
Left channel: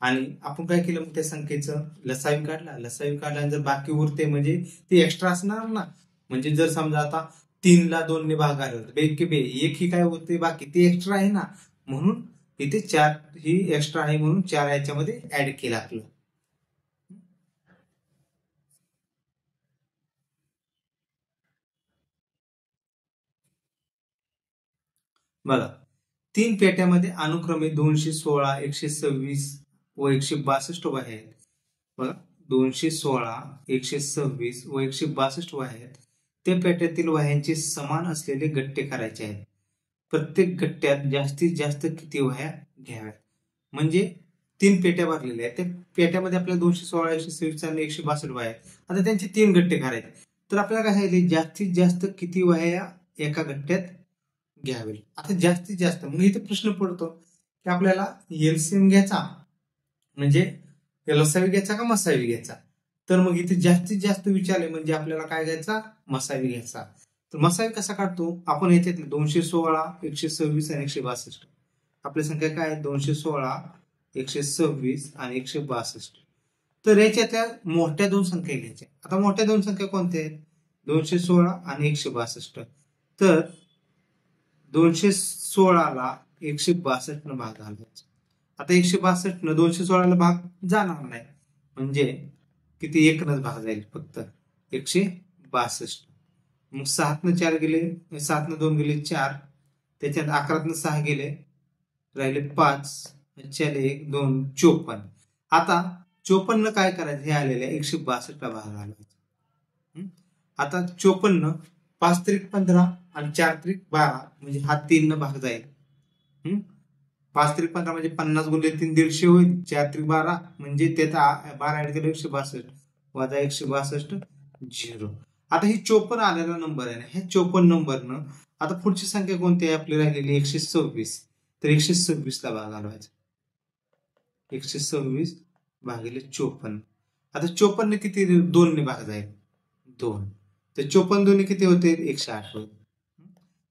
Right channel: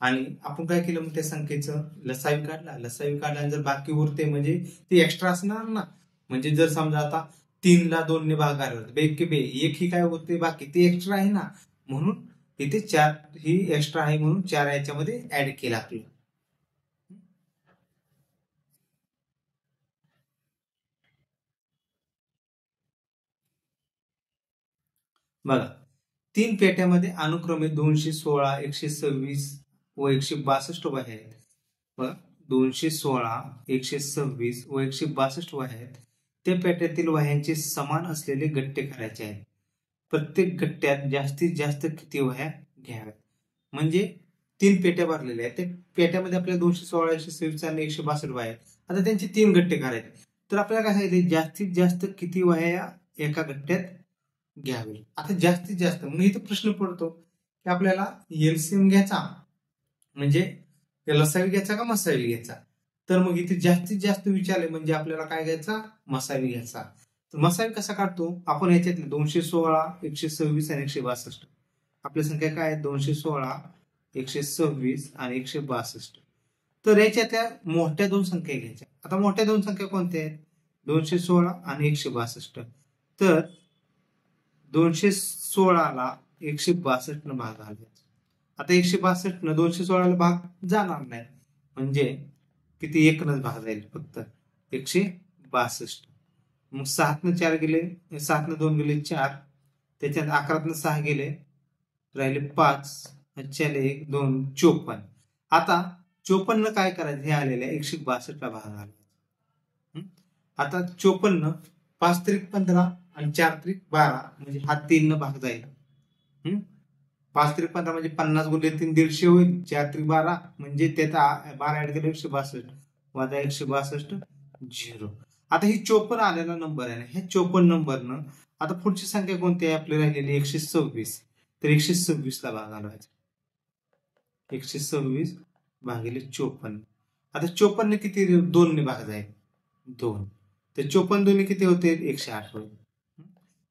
आणि आपण काय केलं? मग त्या संख्येचं लसावी काढला. लसावी काढल्यानंतर जर बाकी उरते म्हणजे ती एक्स्ट्रा असणार ना. म्हणजे जर समजा आता 3 ला 2 ने भाग घालवला, एक ही काय होते? बाकी ती एक्स्ट्रा आहे ना, म्हणून इथे 4 ही एक्स्ट्रा आहे, म्हणून 4 याच्यामध्ये ऍड केला आपलं. बघा, 3 पेट्यामध्ये अनुक्रमे 216, 126 व 162 वह्या आहेत. बघा, 216, 126 व 162 वह्या आहेत. त्या पेट्यातील वह्यांचे समान असलेले गट्टे करायचे आहेत. प्रत्येक गट्ट्यात जास्तीत जास्त किती वह्या घ्याव्यात? म्हणजे 3 पेट्या भरलेल्या आहेत, त्या पेट्यामध्ये आपल्याला 216, 126 आणि 162 वह्या आहेत. आता त्यांचे 3 गट्टे करायचे, तर आपल्याला काय सांगितले? जास्तीत जास्त किती वह्या एका गट्ट्यात घ्यावे. आता जास्तीत जास्त, मग इथे प्रश्न पडतो की आपल्याला एलसीएम घ्यायचा म्हणजे लसावी घ्यायचा का मसावी घ्यायचा? तर मग इथे जास्तीत जास्त विचारले म्हणजे आपल्याला काय घ्यायचा? मसावी घ्यायचा. तर मसावी कसा काढतो आपण? याच्यात 216, 126 आणि 162. आपली संख्या काय आहे? 216, 126 आणि 162. तर याच्यातल्या मोठ्या 2 संख्या घ्यायच्या. आता मोठ्या 2 संख्या कोणत्या आहेत? 216 आणि 162. तर 216 ला 162 न भाग घालायचा. आता 162 न 216 ला भाग जाणार नाही, म्हणजे किती? 1 न भाग जाईल फक्त, 162. मग 7 न 4 गेले, 7 न 2 गेले 4, त्याच्यात 11 न 6 गेले, राहिले 5, 1 2 54. आता 54 काय करायचं? हे आलेले 162 ला भाग घालायचा. आता 54 5 त्रिक 15 आणि 4 त्रिक 12, म्हणजे हा 3 न भाग जाईल. 5 त्रिक 15 म्हणजे 50 गुणिले 3 150 होईल. 4 त्रिक 12 म्हणजे त्यात 12 ऍड केलं 162 वजा 162 0. आता ही 54 आलेला नंबर आहे ना, ह्या 54 नंबरनं आता पुढची संख्या कोणती आहे आपली राहिलेली? 126. तर 126 ला भाग घालवायचा. 126 भागिले 54. आता 54 ने किती? 2 ने भाग जाईल, 2. तर 54 दोन्ही किती होते? 108 होईल.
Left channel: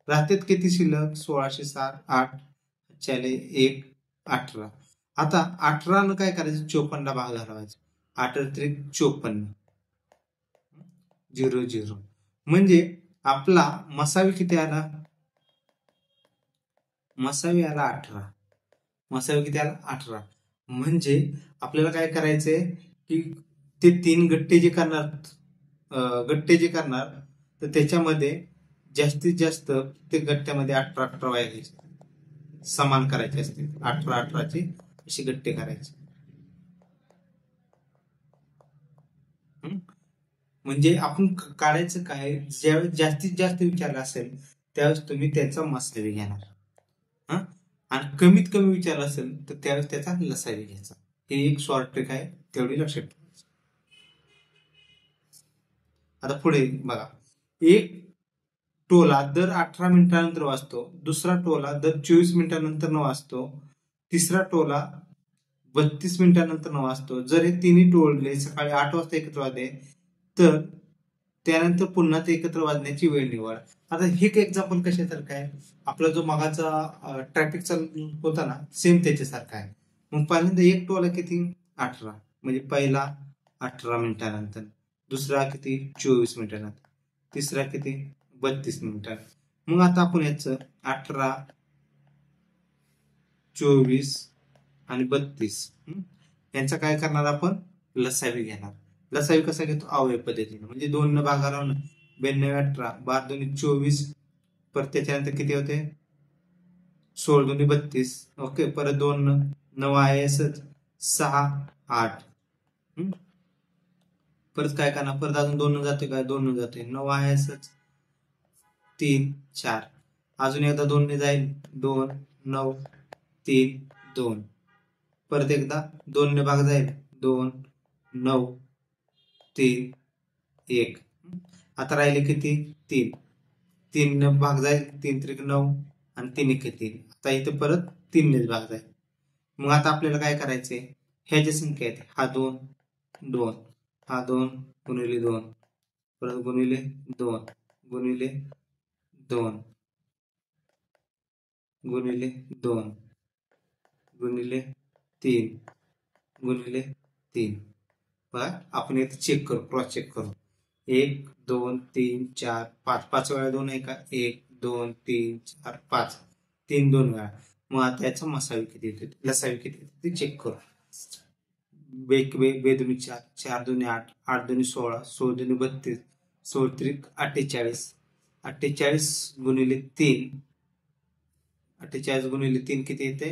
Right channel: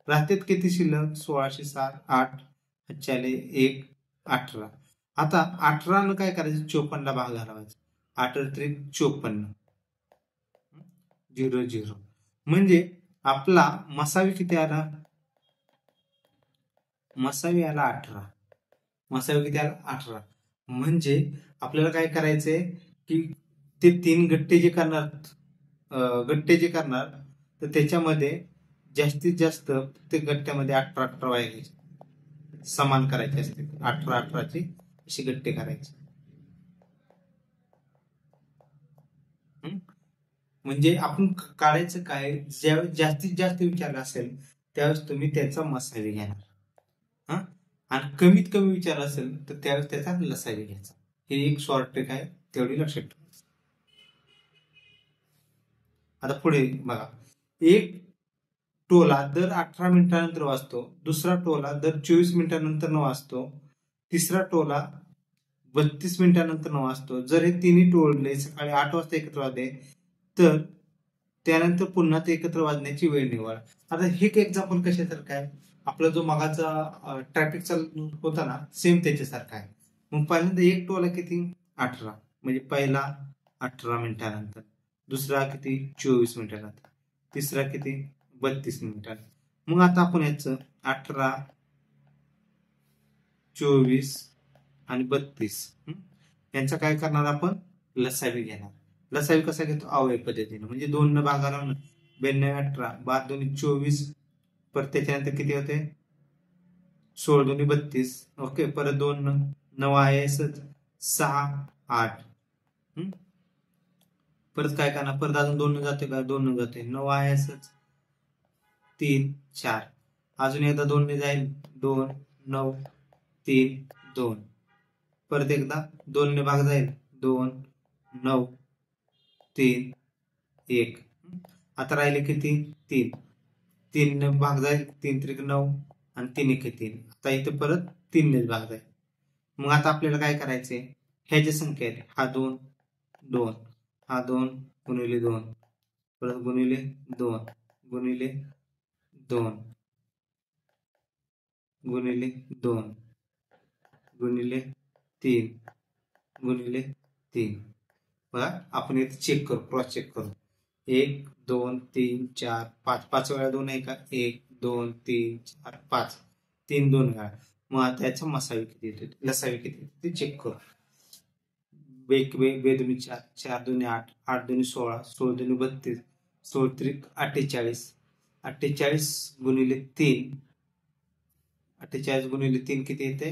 राहतात किती शिल्लक? 1607, 8 1 18. आता 18 न काय करायचं? 54 ला भाग घालवायचा. 8 त्रिक 54, 0 0. म्हणजे आपला मसावी किती आला? मसावी आला 18. मसावी किती आला 18. म्हणजे आपल्याला काय करायचंय की ते 3 गट्टे जे करणार तर त्याच्यामध्ये जास्तीत जास्त ते गट्ट्यामध्ये 18 वाया घ्यायचे, समान करायचे असते. 18 अशी गट्टे करायचे. म्हणजे आपण काढायचं काय, ज्यावेळेस जास्तीत जास्त विचारलं असेल त्यावेळेस तुम्ही त्याचा मसावी घेणार. हा, आणि कमीत कमी विचार असेल तर त्यावेळेस त्याचा लसावी घ्यायचा. हे एक शॉर्ट ट्रिक आहे, तेवढी लक्षात ठेवायची. आता पुढे बघा, एक टोला दर 18 मिनिटानंतर वाजतो, दुसरा टोला दर 24 मिनिटानंतर वाजतो, तिसरा टोला 32 मिनिटानंतर वाजतो. जर हे तिन्ही टोले सकाळी 8 वाजता एकत्र वाजले तर त्यानंतर पुन्हा ते एकत्र वाजण्याची वेळ निवड. आता हे एक एक्झाम्पल कशासारखं आहे, आपला जो मगाचा ट्रॅफिकचा होता ना, सेम त्याच्यासारखा आहे. मग पहिल्यांदा एक टोला किती 18, म्हणजे पहिला 18 मिनिटानंतर, दुसरा किती 24 मिनिटानंतर, तिसरा किती 32 मिनिटांनी. मग आता आपण याचं 18, 24 आणि 32 यांचा काय करणार, आपण लसावी घेणार. लसावी कसा घेतो, अवयव पद्धतीने, म्हणजे 2 न भागाला 92, 18, 12 दोन्ही 24, परत त्याच्यानंतर किती होते 16 दोन्ही 32. ओके, परत 2 9 आहे असंच, 6 8. परत काय करणार, परत अजून 2 जाते का, 2 जाते, 9 आहे असंच, 3 4, अजून एकदा 2 ने जाईल, 2 9 3 2, परत एकदा 2 ने भाग जाईल, 2 9 3 1. आता राहिले किती 3, 3 ने भाग जाईल, 3 त्रिक 9 आणि 3 1 3. आता इथे परत 3 ने भाग जाईल. मग आता आपल्याला काय करायचंय, ह्या ज्या संख्या आहेत, हा 2 2, हा 2 गुणिले 2, परत गुणिले 2 गुणिले 2 गुणिले 2 गुणिले 3 गुणिले 3. बघा, आपण इथे चेक करू, क्रॉस चेक करू. 1 2 3 4 5, 5 वेळा 2 आहे का, 1 2 3 4 5, 3 2 वेळा. मग आता याचा मसावी किती येतो, लसावी किती येतो ते चेक करू. बे दोन्ही 4, 4 दोन्ही 8, 8 दोन्ही 16, 16 दोन्ही 32, 16 त्रिक 48, 48 गुणिले 3, 48 गुणिले 3 किती येते,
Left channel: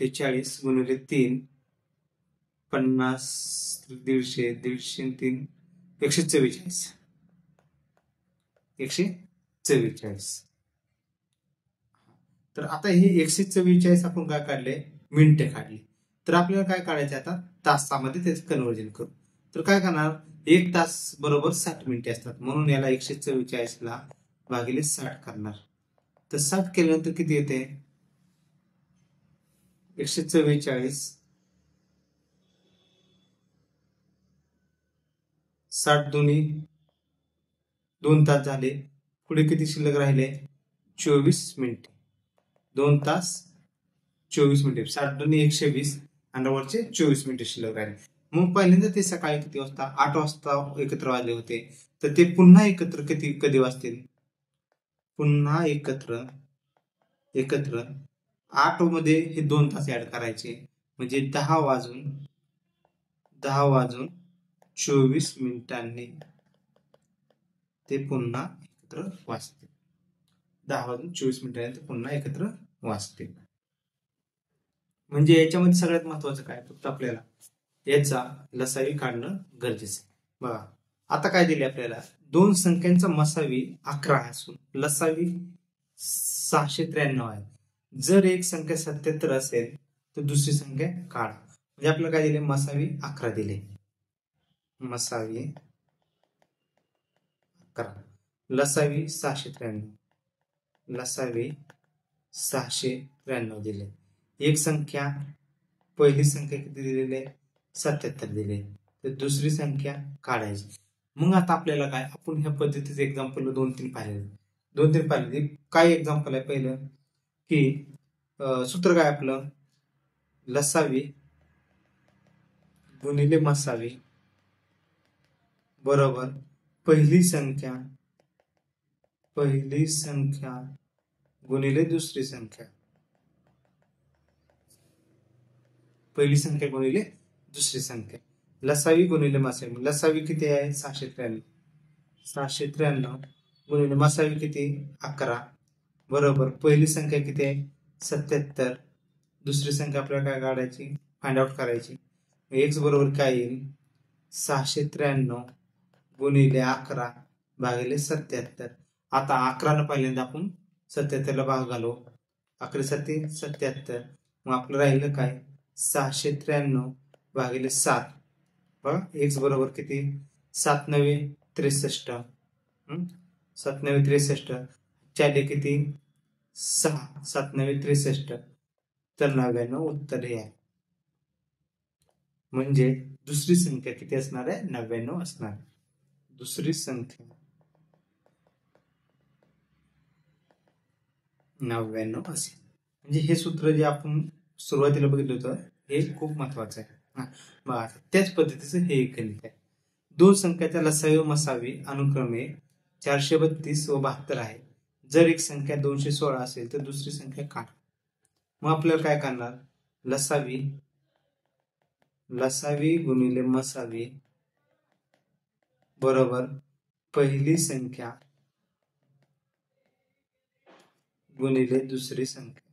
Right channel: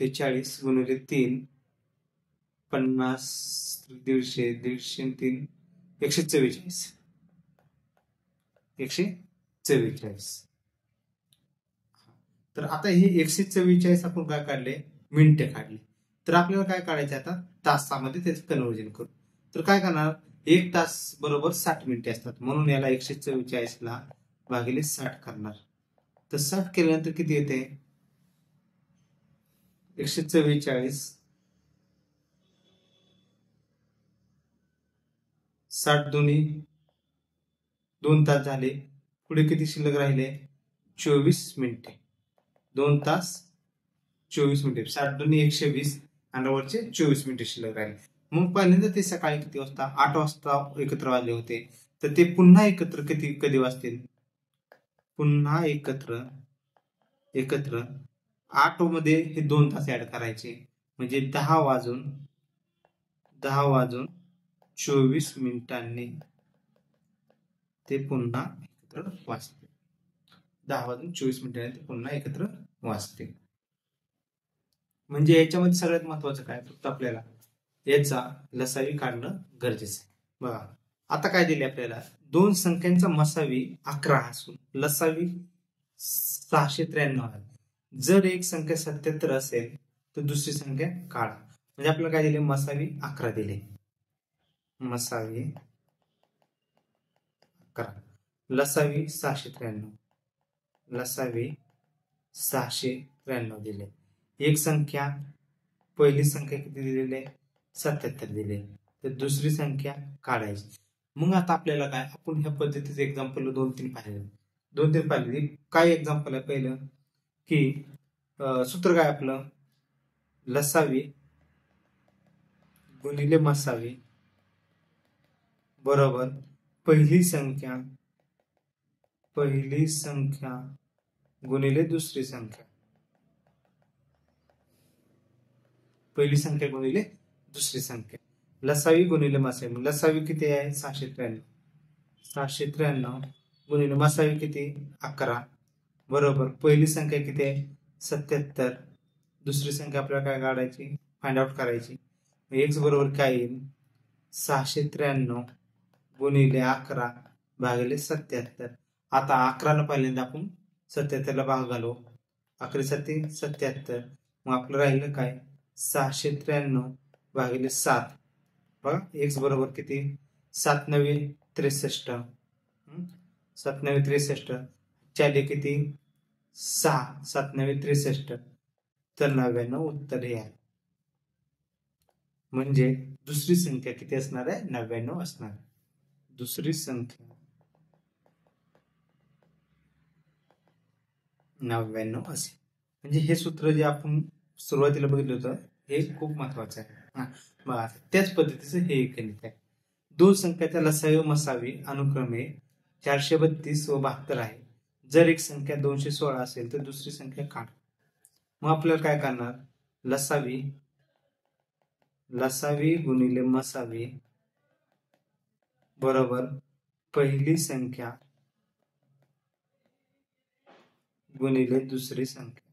48 गुणिले 3 50, 150, 150 3 144, 144. तर आता हे 144 आपण काय काढले, मिनिटे काढली. तर आपल्याला काय काढायचे, आता तासामध्ये त्याचं कन्व्हर्जन करू. तर काय करणार, 1 तास बरोबर 60 मिनिटे असतात, म्हणून याला 144 ला भागिले 60 करणार. तर 60 केल्यानंतर किती येते, 144 60 दोन्ही 2 तास झाले. पुढे किती शिल्लक राहिले, 24 मिनिटे. 2 तास 24 मिनिटे, 60 दोन्ही 120 आणि वरचे 24 मिनिटे शिल्लक राहिले. मग पहिल्यांदा ते सकाळी किती वाजता, 8 वाजता एकत्र वाजले होते, तर ते पुन्हा एकत्र कधी वाजतील, पुन्हा एकत्र 8 मध्ये हे 2 तास ऍड करायचे, म्हणजे 10 वाजून 24 मिनिटांनी ते पुन्हा एकत्र वाजतील. 10 वाजून 24 मिनिटांनी ते पुन्हा एकत्र वाजतील. म्हणजे याच्यामध्ये सगळ्यात महत्वाचं काय, फक्त आपल्याला याचा लसावी काढणं गरजेचं आहे. बघा, आता काय दिले आपल्याला, 2 संख्यांचा मसावी 11 असून लसावी 693 आहे. जर एक संख्या 77 असेल तर दुसरी संख्या काढा. म्हणजे आपल्याला काय दिले, मसावी 11 दिले, मसावी 11, लसावी 693, लसावी 693 दिले. एक संख्या, पहिली संख्या किती दिलेली, 77 दिले, तर दुसरी संख्या काढायची. मग आता आपल्याला काय, आपण ह्या पद्धतीचे एक्झाम्पल 2-3 पाहिले. काय एक्झाम्पल आहे, पहिलं की सूत्र काय आपलं, लसावी गुणिले मसावी बरोबर पहिली संख्या गुणिले दुसरी संख्या, पहिली संख्या गुणिले दुसरी संख्या, लसावी गुणिले मसावी. लसावी किती आहे 693, 693 गुणिले मसावी किती 11 बरोबर पहिली संख्या किती आहे 77, दुसरी संख्या आपल्याला काय काढायची फाइंड आउट करायची. एक्स बरोबर काय येईल 693 गुणिले 11 भागिले 77. आता 11 पहिल्यांदा आपण 77 ला भाग घालू, 11 7 77, मग आपलं राहिलं काय 693 भागिले 7. बघा एक्स बरोबर किती 7 9 63, 7 9 63 चाले किती 6, 7 9 63, तर 99 उत्तर हे आहे. म्हणजे दुसरी संख्या किती असणार आहे 99 असणार. दुसरी संख्या 99 असेल. म्हणजे हे सूत्र जे आपण सुरुवातीला बघितलं होतं हे खूप महत्वाचं आहे. त्याच पद्धतीचं हे एक गणित आहे. दोन संख्याच्या लसावी व मसावी अनुक्रमे 432 व 72 आहे. जर एक संख्या 216 असेल तर दुसरी संख्या काढ. मग आपल्याला काय करणार लसावी गुणिले मसावी बरोबर पहिली संख्या गुणिले दुसरी संख्या.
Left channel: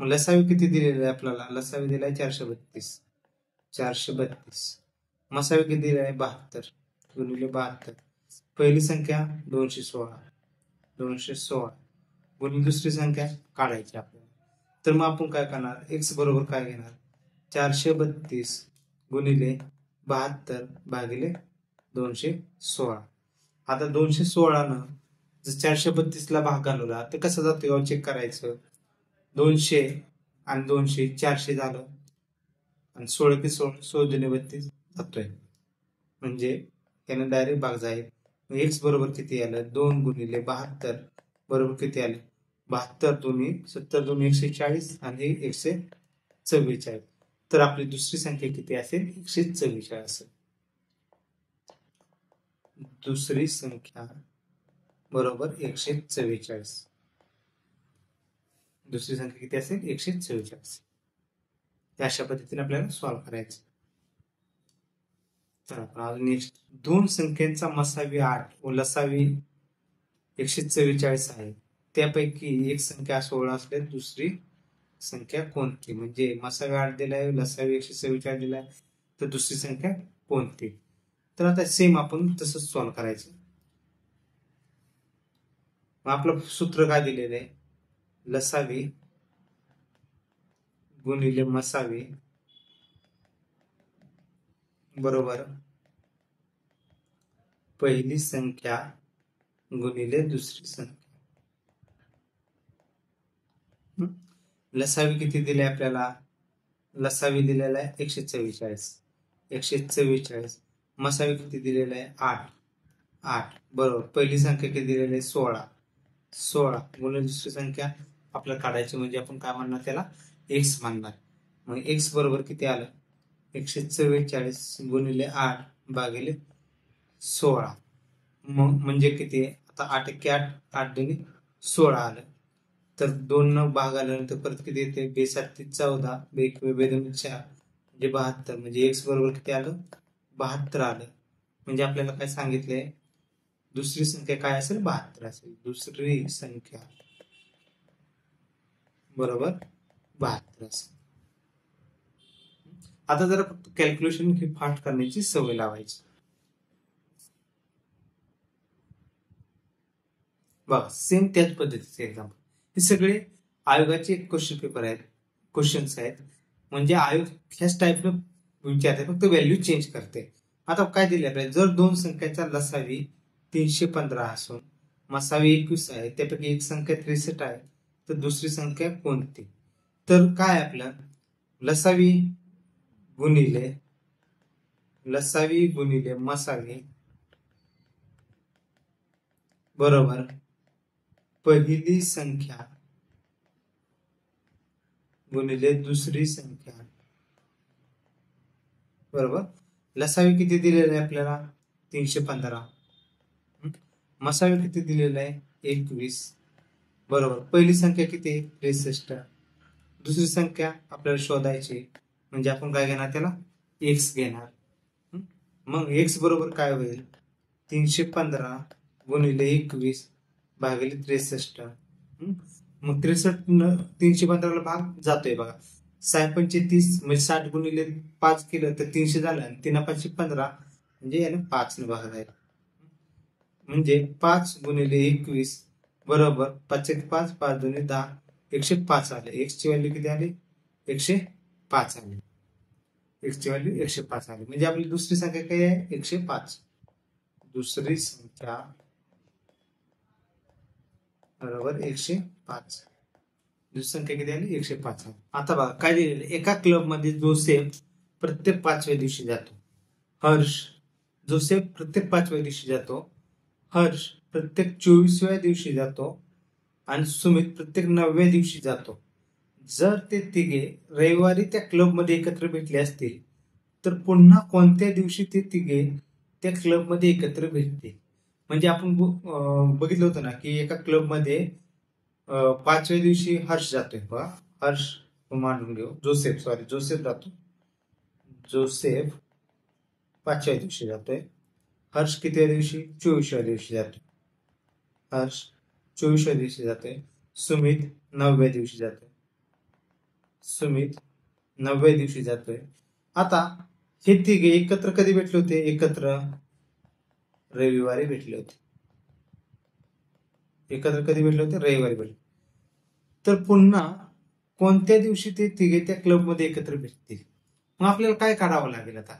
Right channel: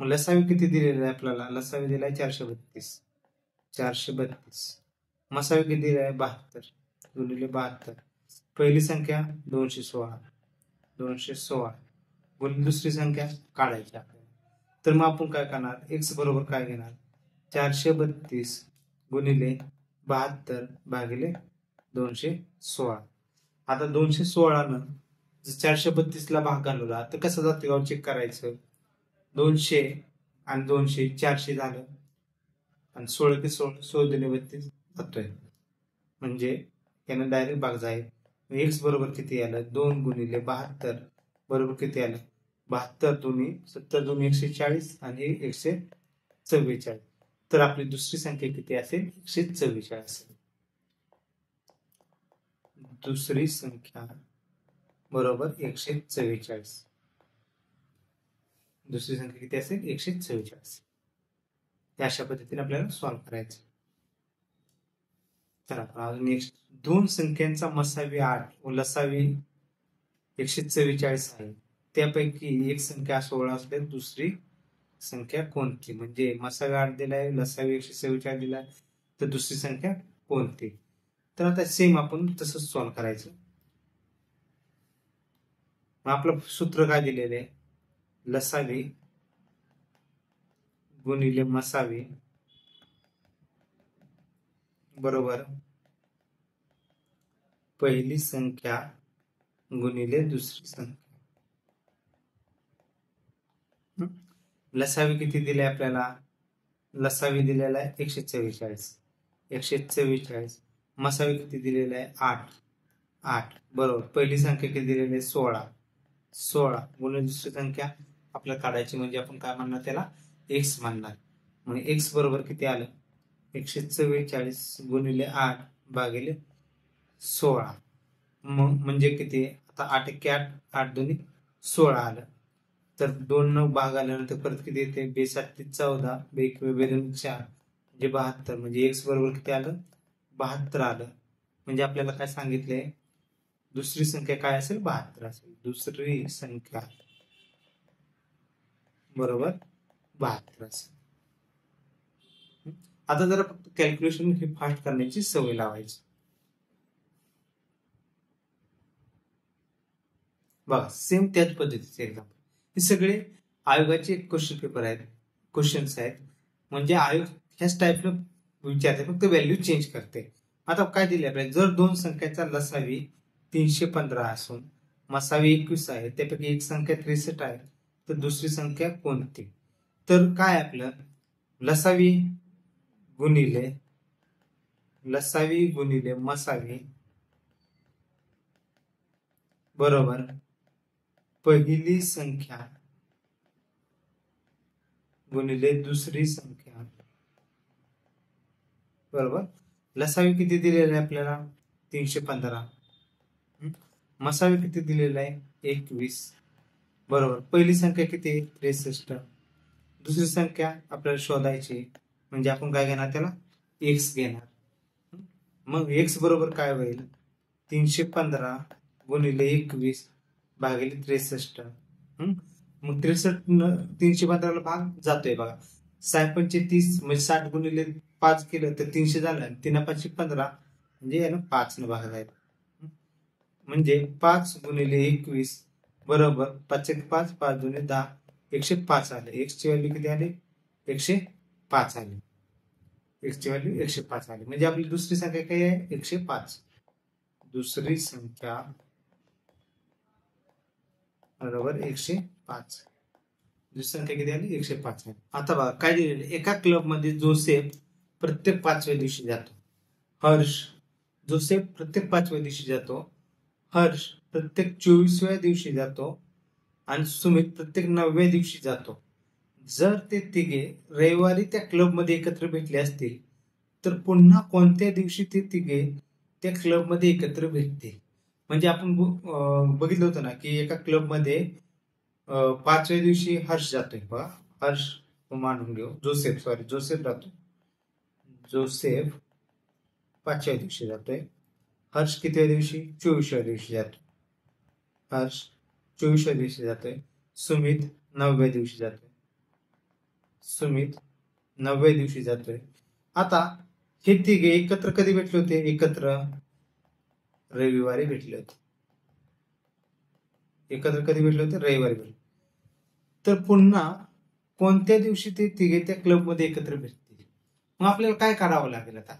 मग लसावी किती दिलेली आहे आपल्याला, लसावी दिलाय 432, मसावी किती दिलेला आहे 72 गुणिले 72, पहिली संख्या 216 गुणिले दुसरी संख्या काढायची आपल्याला. तर मग आपण काय करणार एक्स बरोबर काय घेणार 432 गुणिले 72 भागिले 216. आता 216 न जर 432 ला भाग घालवला तर कसं जातं चेक करायचं. 200 आणि 200 400 झालं आणि 16 ते 16 32 जातोय, म्हणजे यानं डायरेक्ट भाग जाईल. एक्स बरोबर किती आलं 2 गुणिले 72 बरोबर किती आलं 72 दोन्ही 70 दोन्ही 140 आणि 144. तर आपली दुसरी संख्या किती असेल 144 असेल. दुसरी संख्या बरोबर 144. दुसरी संख्या किती असेल 144. अशा पद्धतीने आपल्याला सॉल्व्ह करायचं. तर नेक्स्ट दोन संख्यांचा मसावी 8 व लसावी 144 आहे. त्यापैकी एक संख्या 16 असल्यास दुसरी संख्या कोणती. म्हणजे मसावी 8 दिलाय, लसावी 144 दिलाय, तर दुसरी संख्या कोणती. तर आता सेम आपण तसंच सॉल्व्ह करायचं. आपलं सूत्र काय दिलेलं आहे लसावी गुणिले मसावी बरोबर पहिली संख्या गुणिले दुसरी संख्या. लसावी किती दिले आपल्याला, लसावी दिलेला आहे 144, मसावी किती दिलेला आहे 8 बरोबर पहिली संख्या किती दिलेली आहे 16 गुणिले दुसरी संख्या आपल्याला काढायची, म्हणजे आपण काय म्हणणार त्याला एक्स म्हणणार. मग एक्स बरोबर किती आलं 144 गुणिले 8 भागिले 16, म्हणजे किती आता 8 1 8 8 2 16 आलं. तर 2 न भाग आल्यानंतर परत किती येते 2 7 14 2 1 2 4 म्हणजे 72, म्हणजे एक्स बरोबर किती आलं 72 आलं. म्हणजे आपल्याला काय सांगितलंय दुसरी संख्या काय असेल 72 असेल. दुसरी संख्या बरोबर 72 असेल. आता जरा फक्त कॅल्क्युलेशन ही फास्ट करण्याची सवय लावायची. बघा सेम त्याच पद्धतीचे एक्झाम्पल, हे सगळे आयोगाचे क्वेश्चन पेपर आहेत, क्वेश्चन्स आहेत. म्हणजे आयोग ह्याच टाईपनं विचारते, फक्त व्हॅल्यू चेंज करते. आता काय दिले आपल्याला, जर दोन संख्याचा लसावी 315 असून मसावी 21 आहे, त्यापैकी एक संख्या 63 आहे, तर दुसरी संख्या कोणती. तर काय आपलं लसावी गुणिले मसावी बरोबर पहिली संख्या गुणिले दुसरी संख्या बरोबर. लसावी किती दिलेला आहे आपल्याला 315, मसावी किती दिलेला आहे 21 बरोबर. पहिली संख्या किती 63. दुसरी संख्या आपल्याला शोधायची म्हणजे आपण काय घेणार त्याला एक्स घेणार. मग एक्स बरोबर काय होईल 315 गुणिले 21 भागिले 63. मग 63 315 ला भाग जातोय बघा. 6×5 म्हणजे 60 गुणिले 5 केलं तर 300 झालं आणि 3×5 15 म्हणजे यानं 5 ने भाग जाईल. म्हणजे 5 गुणिले 21 बरोबर 5×5 5×2 10 105 आले. एक्स ची व्हॅल्यू किती आली 105 आली. एक्स ची व्हॅल्यू 105 आली. म्हणजे आपली दुसरी संख्या काय आहे 105. दुसरी संख्या बरोबर 105. दुसरी संख्या किती आली 105 आली. आता बघा काय दिलेलं एका क्लब मध्ये जोसेफ प्रत्येक 5व्या दिवशी जातो. जोसेफ प्रत्येक 5व्या दिवशी जातो. हर्ष प्रत्येक 24व्या दिवशी जातो आणि सुमित प्रत्येक 9व्या दिवशी जातो. जर ते तिघे रविवारी त्या क्लब मध्ये एकत्र भेटले असतील तर पुन्हा कोणत्या दिवशी ते तिघे त्या क्लब मध्ये एकत्र भेटतील. म्हणजे आपण बघितलं होतं ना की एका क्लब मध्ये 5व्या दिवशी हर्ष जातोय बघा. हर्ष मांडून घेऊ जोसेफ जातो. जोसेफ 5व्या दिवशी जातोय. हर्ष कितव्या दिवशी 24व्या दिवशी जातोय. हर्ष 24व्या दिवशी जातोय. सुमित 9व्या दिवशी जातोय. आता हे तिघे एकत्र कधी भेटले होते एकत्र रविवारी भेटले होते. रविवारी भेटले. तर पुन्हा कोणत्या दिवशी ते तिघे त्या क्लब मध्ये एकत्र भेटतील. मग आपल्याला काय काढावं लागेल. आता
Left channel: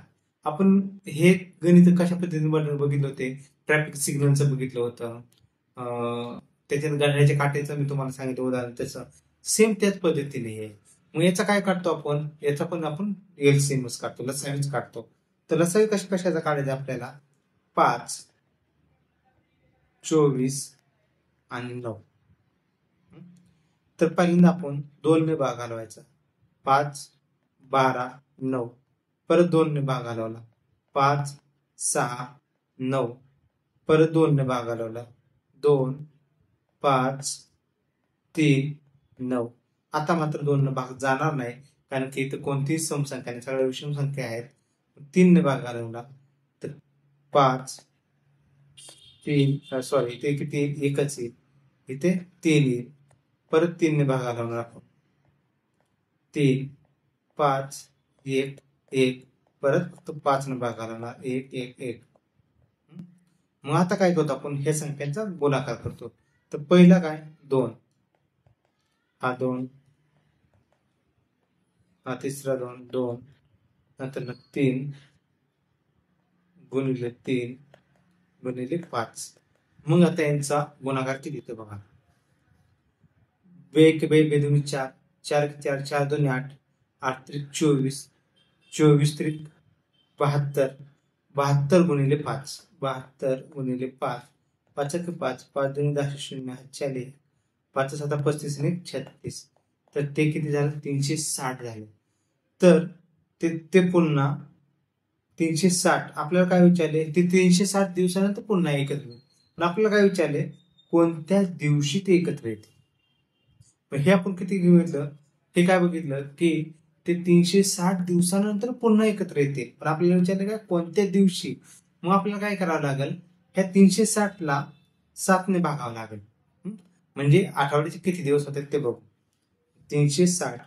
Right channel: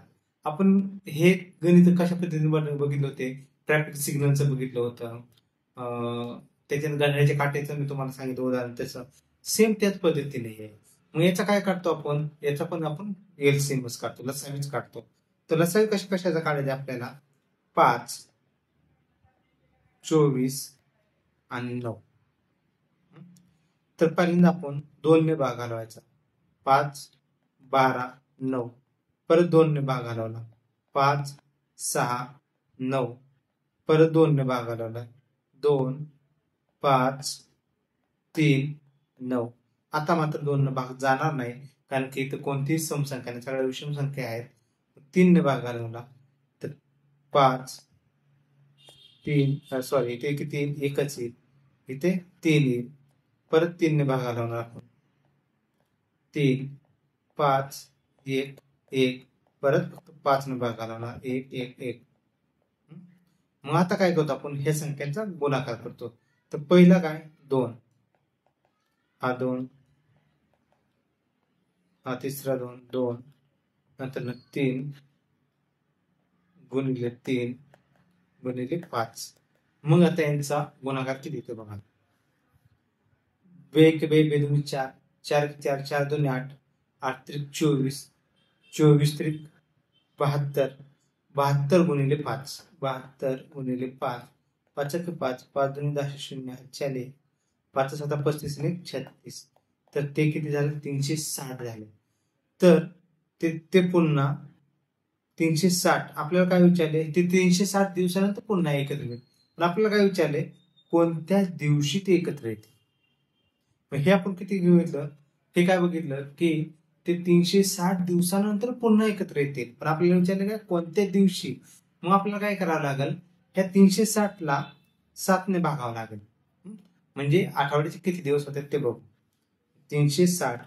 आपण हे गणित कशा पद्धतीने बघितलं होते. ट्रॅफिक सिग्नलचं बघितलं होतं. त्याच्यात घड्याळाच्या काट्याचं मी तुम्हाला सांगितलं उदाहरण त्याचं सेम त्याच पद्धतीने आहे. मग याचा काय काढतो आपण याचा पण आपण एलसीएमच काढतो लसावीच काढतो. तर लसावी कशाचा काढायचा आपल्याला 5 24 आणि 9. तर पहिल्यांदा आपण 2 ने भाग घालवायचा 5 12 9 परत 2 ने भाग घालवला 5 6 9 परत 2 ने भाग घालवला 2 5 3 9. आता मात्र 2 ने भाग जाणार नाही कारण की इथं कोणतीही समसंख्या नाही सगळ्या विषम संख्या आहेत. 3 ने भाग घालवला तर 5 3 सॉरी इथे किती एकच येईल इथे 3 येईल. परत 3 ने भाग घालवणार आपण 3 5 1 1 परत फक्त 5 ने भाग घालवणार 1 1 1. मग आता काय करतो आपण ह्या संख्यांचा गुणाकार करतो. तर पहिला काय 2 हा 2 हा तिसरा 2 2 नंतर 3 गुणिले 3 गुणिले 5. मग आता यांचा गुणाकार किती येतो बघा. 2 1 2 2 4 4 4 4 2 8 8 3 24 24 3 72 72 गुणिले 5 72 गुणिले 5 5 1 5 5 2 10 0 40 5 7 35 आणि 36. तर ते किती झालं 360 झाले. तर ते पुन्हा 360 आपल्याला काय विचारले ते 360 दिवसानंतर पुन्हा एकत्र येतील. पण आपल्याला काय विचारले कोणत्या दिवशी ते एकत्र येतील. हे आपण किती घेतलं हे काय बघितलं की ते 360 दिवसानंतर पुन्हा एकत्र येतील. पण आपल्याला विचारले काय कोणत्या दिवशी. मग आपल्याला काय करावं लागेल ह्या 360 ला 7 ने भागावं लागेल. म्हणजे आठवड्याचे किती दिवस होते ते बघू. 360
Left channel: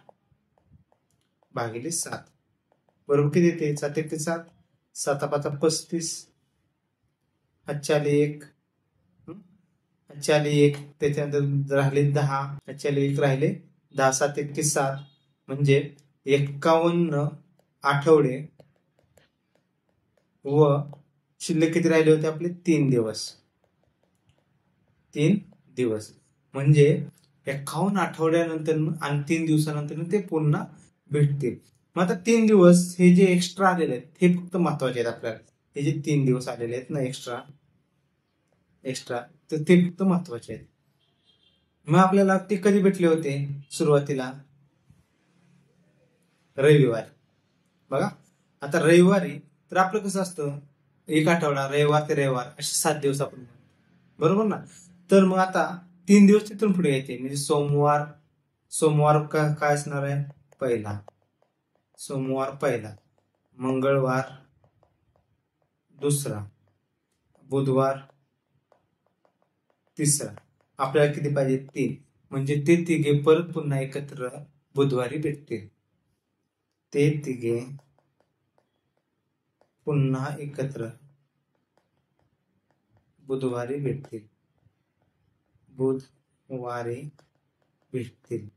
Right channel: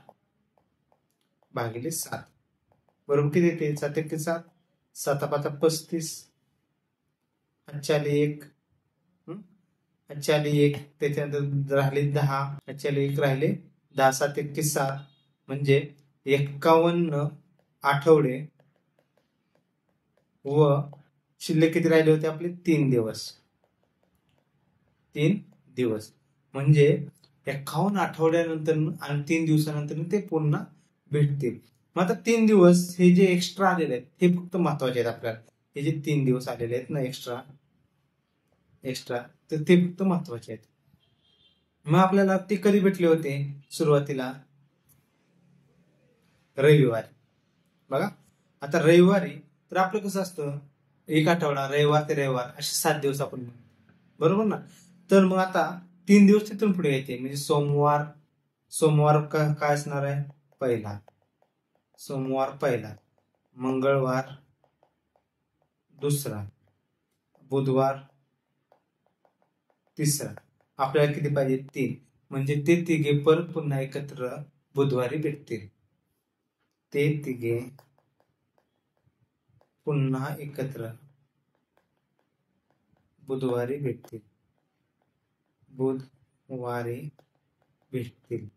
भागिले 7 बरोबर किती येते 7 1 7 7 5 35 अच्छाले 1 त्याच्यानंतर राहिले 10 अच्छाले 1 राहिले 10 7 1 7 म्हणजे 51 आठवडे व शिल्लक किती राहिले होते आपले 3 दिवस म्हणजे 51 आठवड्यानंतर आणि 3 दिवसानंतर ते पुन्हा भेटतील. मग आता 3 दिवस हे जे एक्स्ट्रा आलेले आहेत हे फक्त महत्वाचे आहेत आपल्याला. हे जे 3 दिवस आलेले आहेत ना एक्स्ट्रा तर ते फक्त महत्वाचे आहेत. मग आपल्याला ते कधी भेटले होते सुरुवातीला रविवारी. बघा आता रविवारी तर आपलं कसं असतं एक आठवडा रविवार ते रविवार असे 7 दिवस आपण बरोबर ना. तर मग आता 3 दिवस तिथून पुढे येते म्हणजे सोमवार. सोमवार काय असणार आहे? पहिला. सोमवार पहिला. मंगळवार दुसरा. बुधवार तिसरा. आपल्याला किती पाहिजे? 3. म्हणजे ते तिघे परत पुन्हा एकत्र बुधवारी भेटतील. ते तिघे पुन्हा एकत्र बुधवारी भेटतील. बुधवारी भेटतील.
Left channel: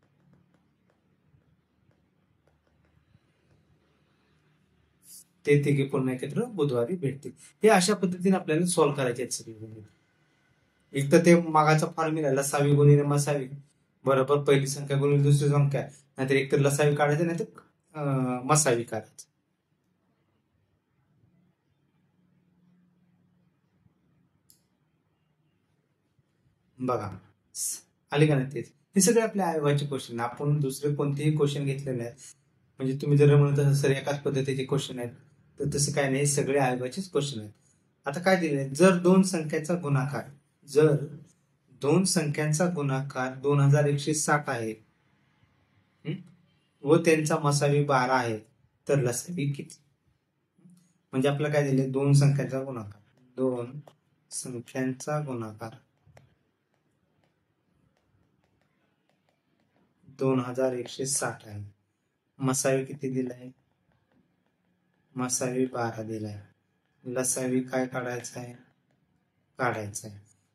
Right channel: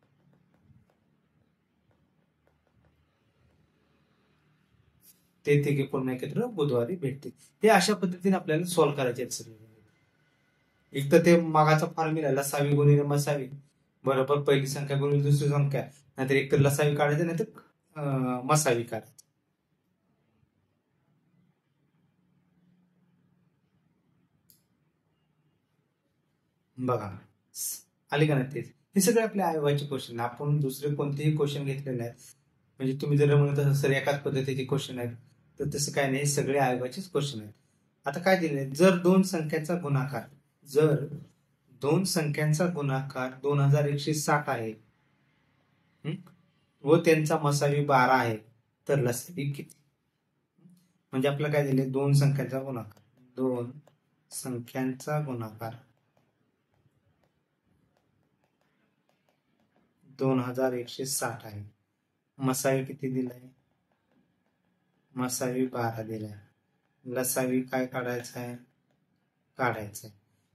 ते तिघे पुन्हा एकत्र बुधवारी भेटतील. हे अशा पद्धतीने आपल्याला सॉल्व्ह करायचे आहेत सगळे. एक तर ते मागाचा फॉर्म्युला लसावी गुणिले मसावी बरोबर पहिली संख्या गुणिले दुसरी संख्या, नाहीतर एक तर लसावी काढायचं नाहीतर मसावी काढायचं. बघा आले का नाही तेच. हे सगळे आपल्या आयोगाचे क्वेश्चन. आपण दुसरे कोणतेही क्वेश्चन घेतले नाहीत. म्हणजे तुम्ही जर म्हणत असाल सर एकाच पद्धतीचे क्वेश्चन आहेत, तर तसं काय नाही, सगळे आयोगाचेच क्वेश्चन आहेत. आता काय दिले? जर दोन संख्यांचा गुणाकार 2160 आहे व त्यांचा मसावी 12 आहे, तर लसावी किती? म्हणजे आपल्याला काय दिले? दोन संख्यांचा गुणाकार 2160 आहे. मसावी किती दिलाय? मसावी 12 दिलाय. लसावी काय काढायचं आहे?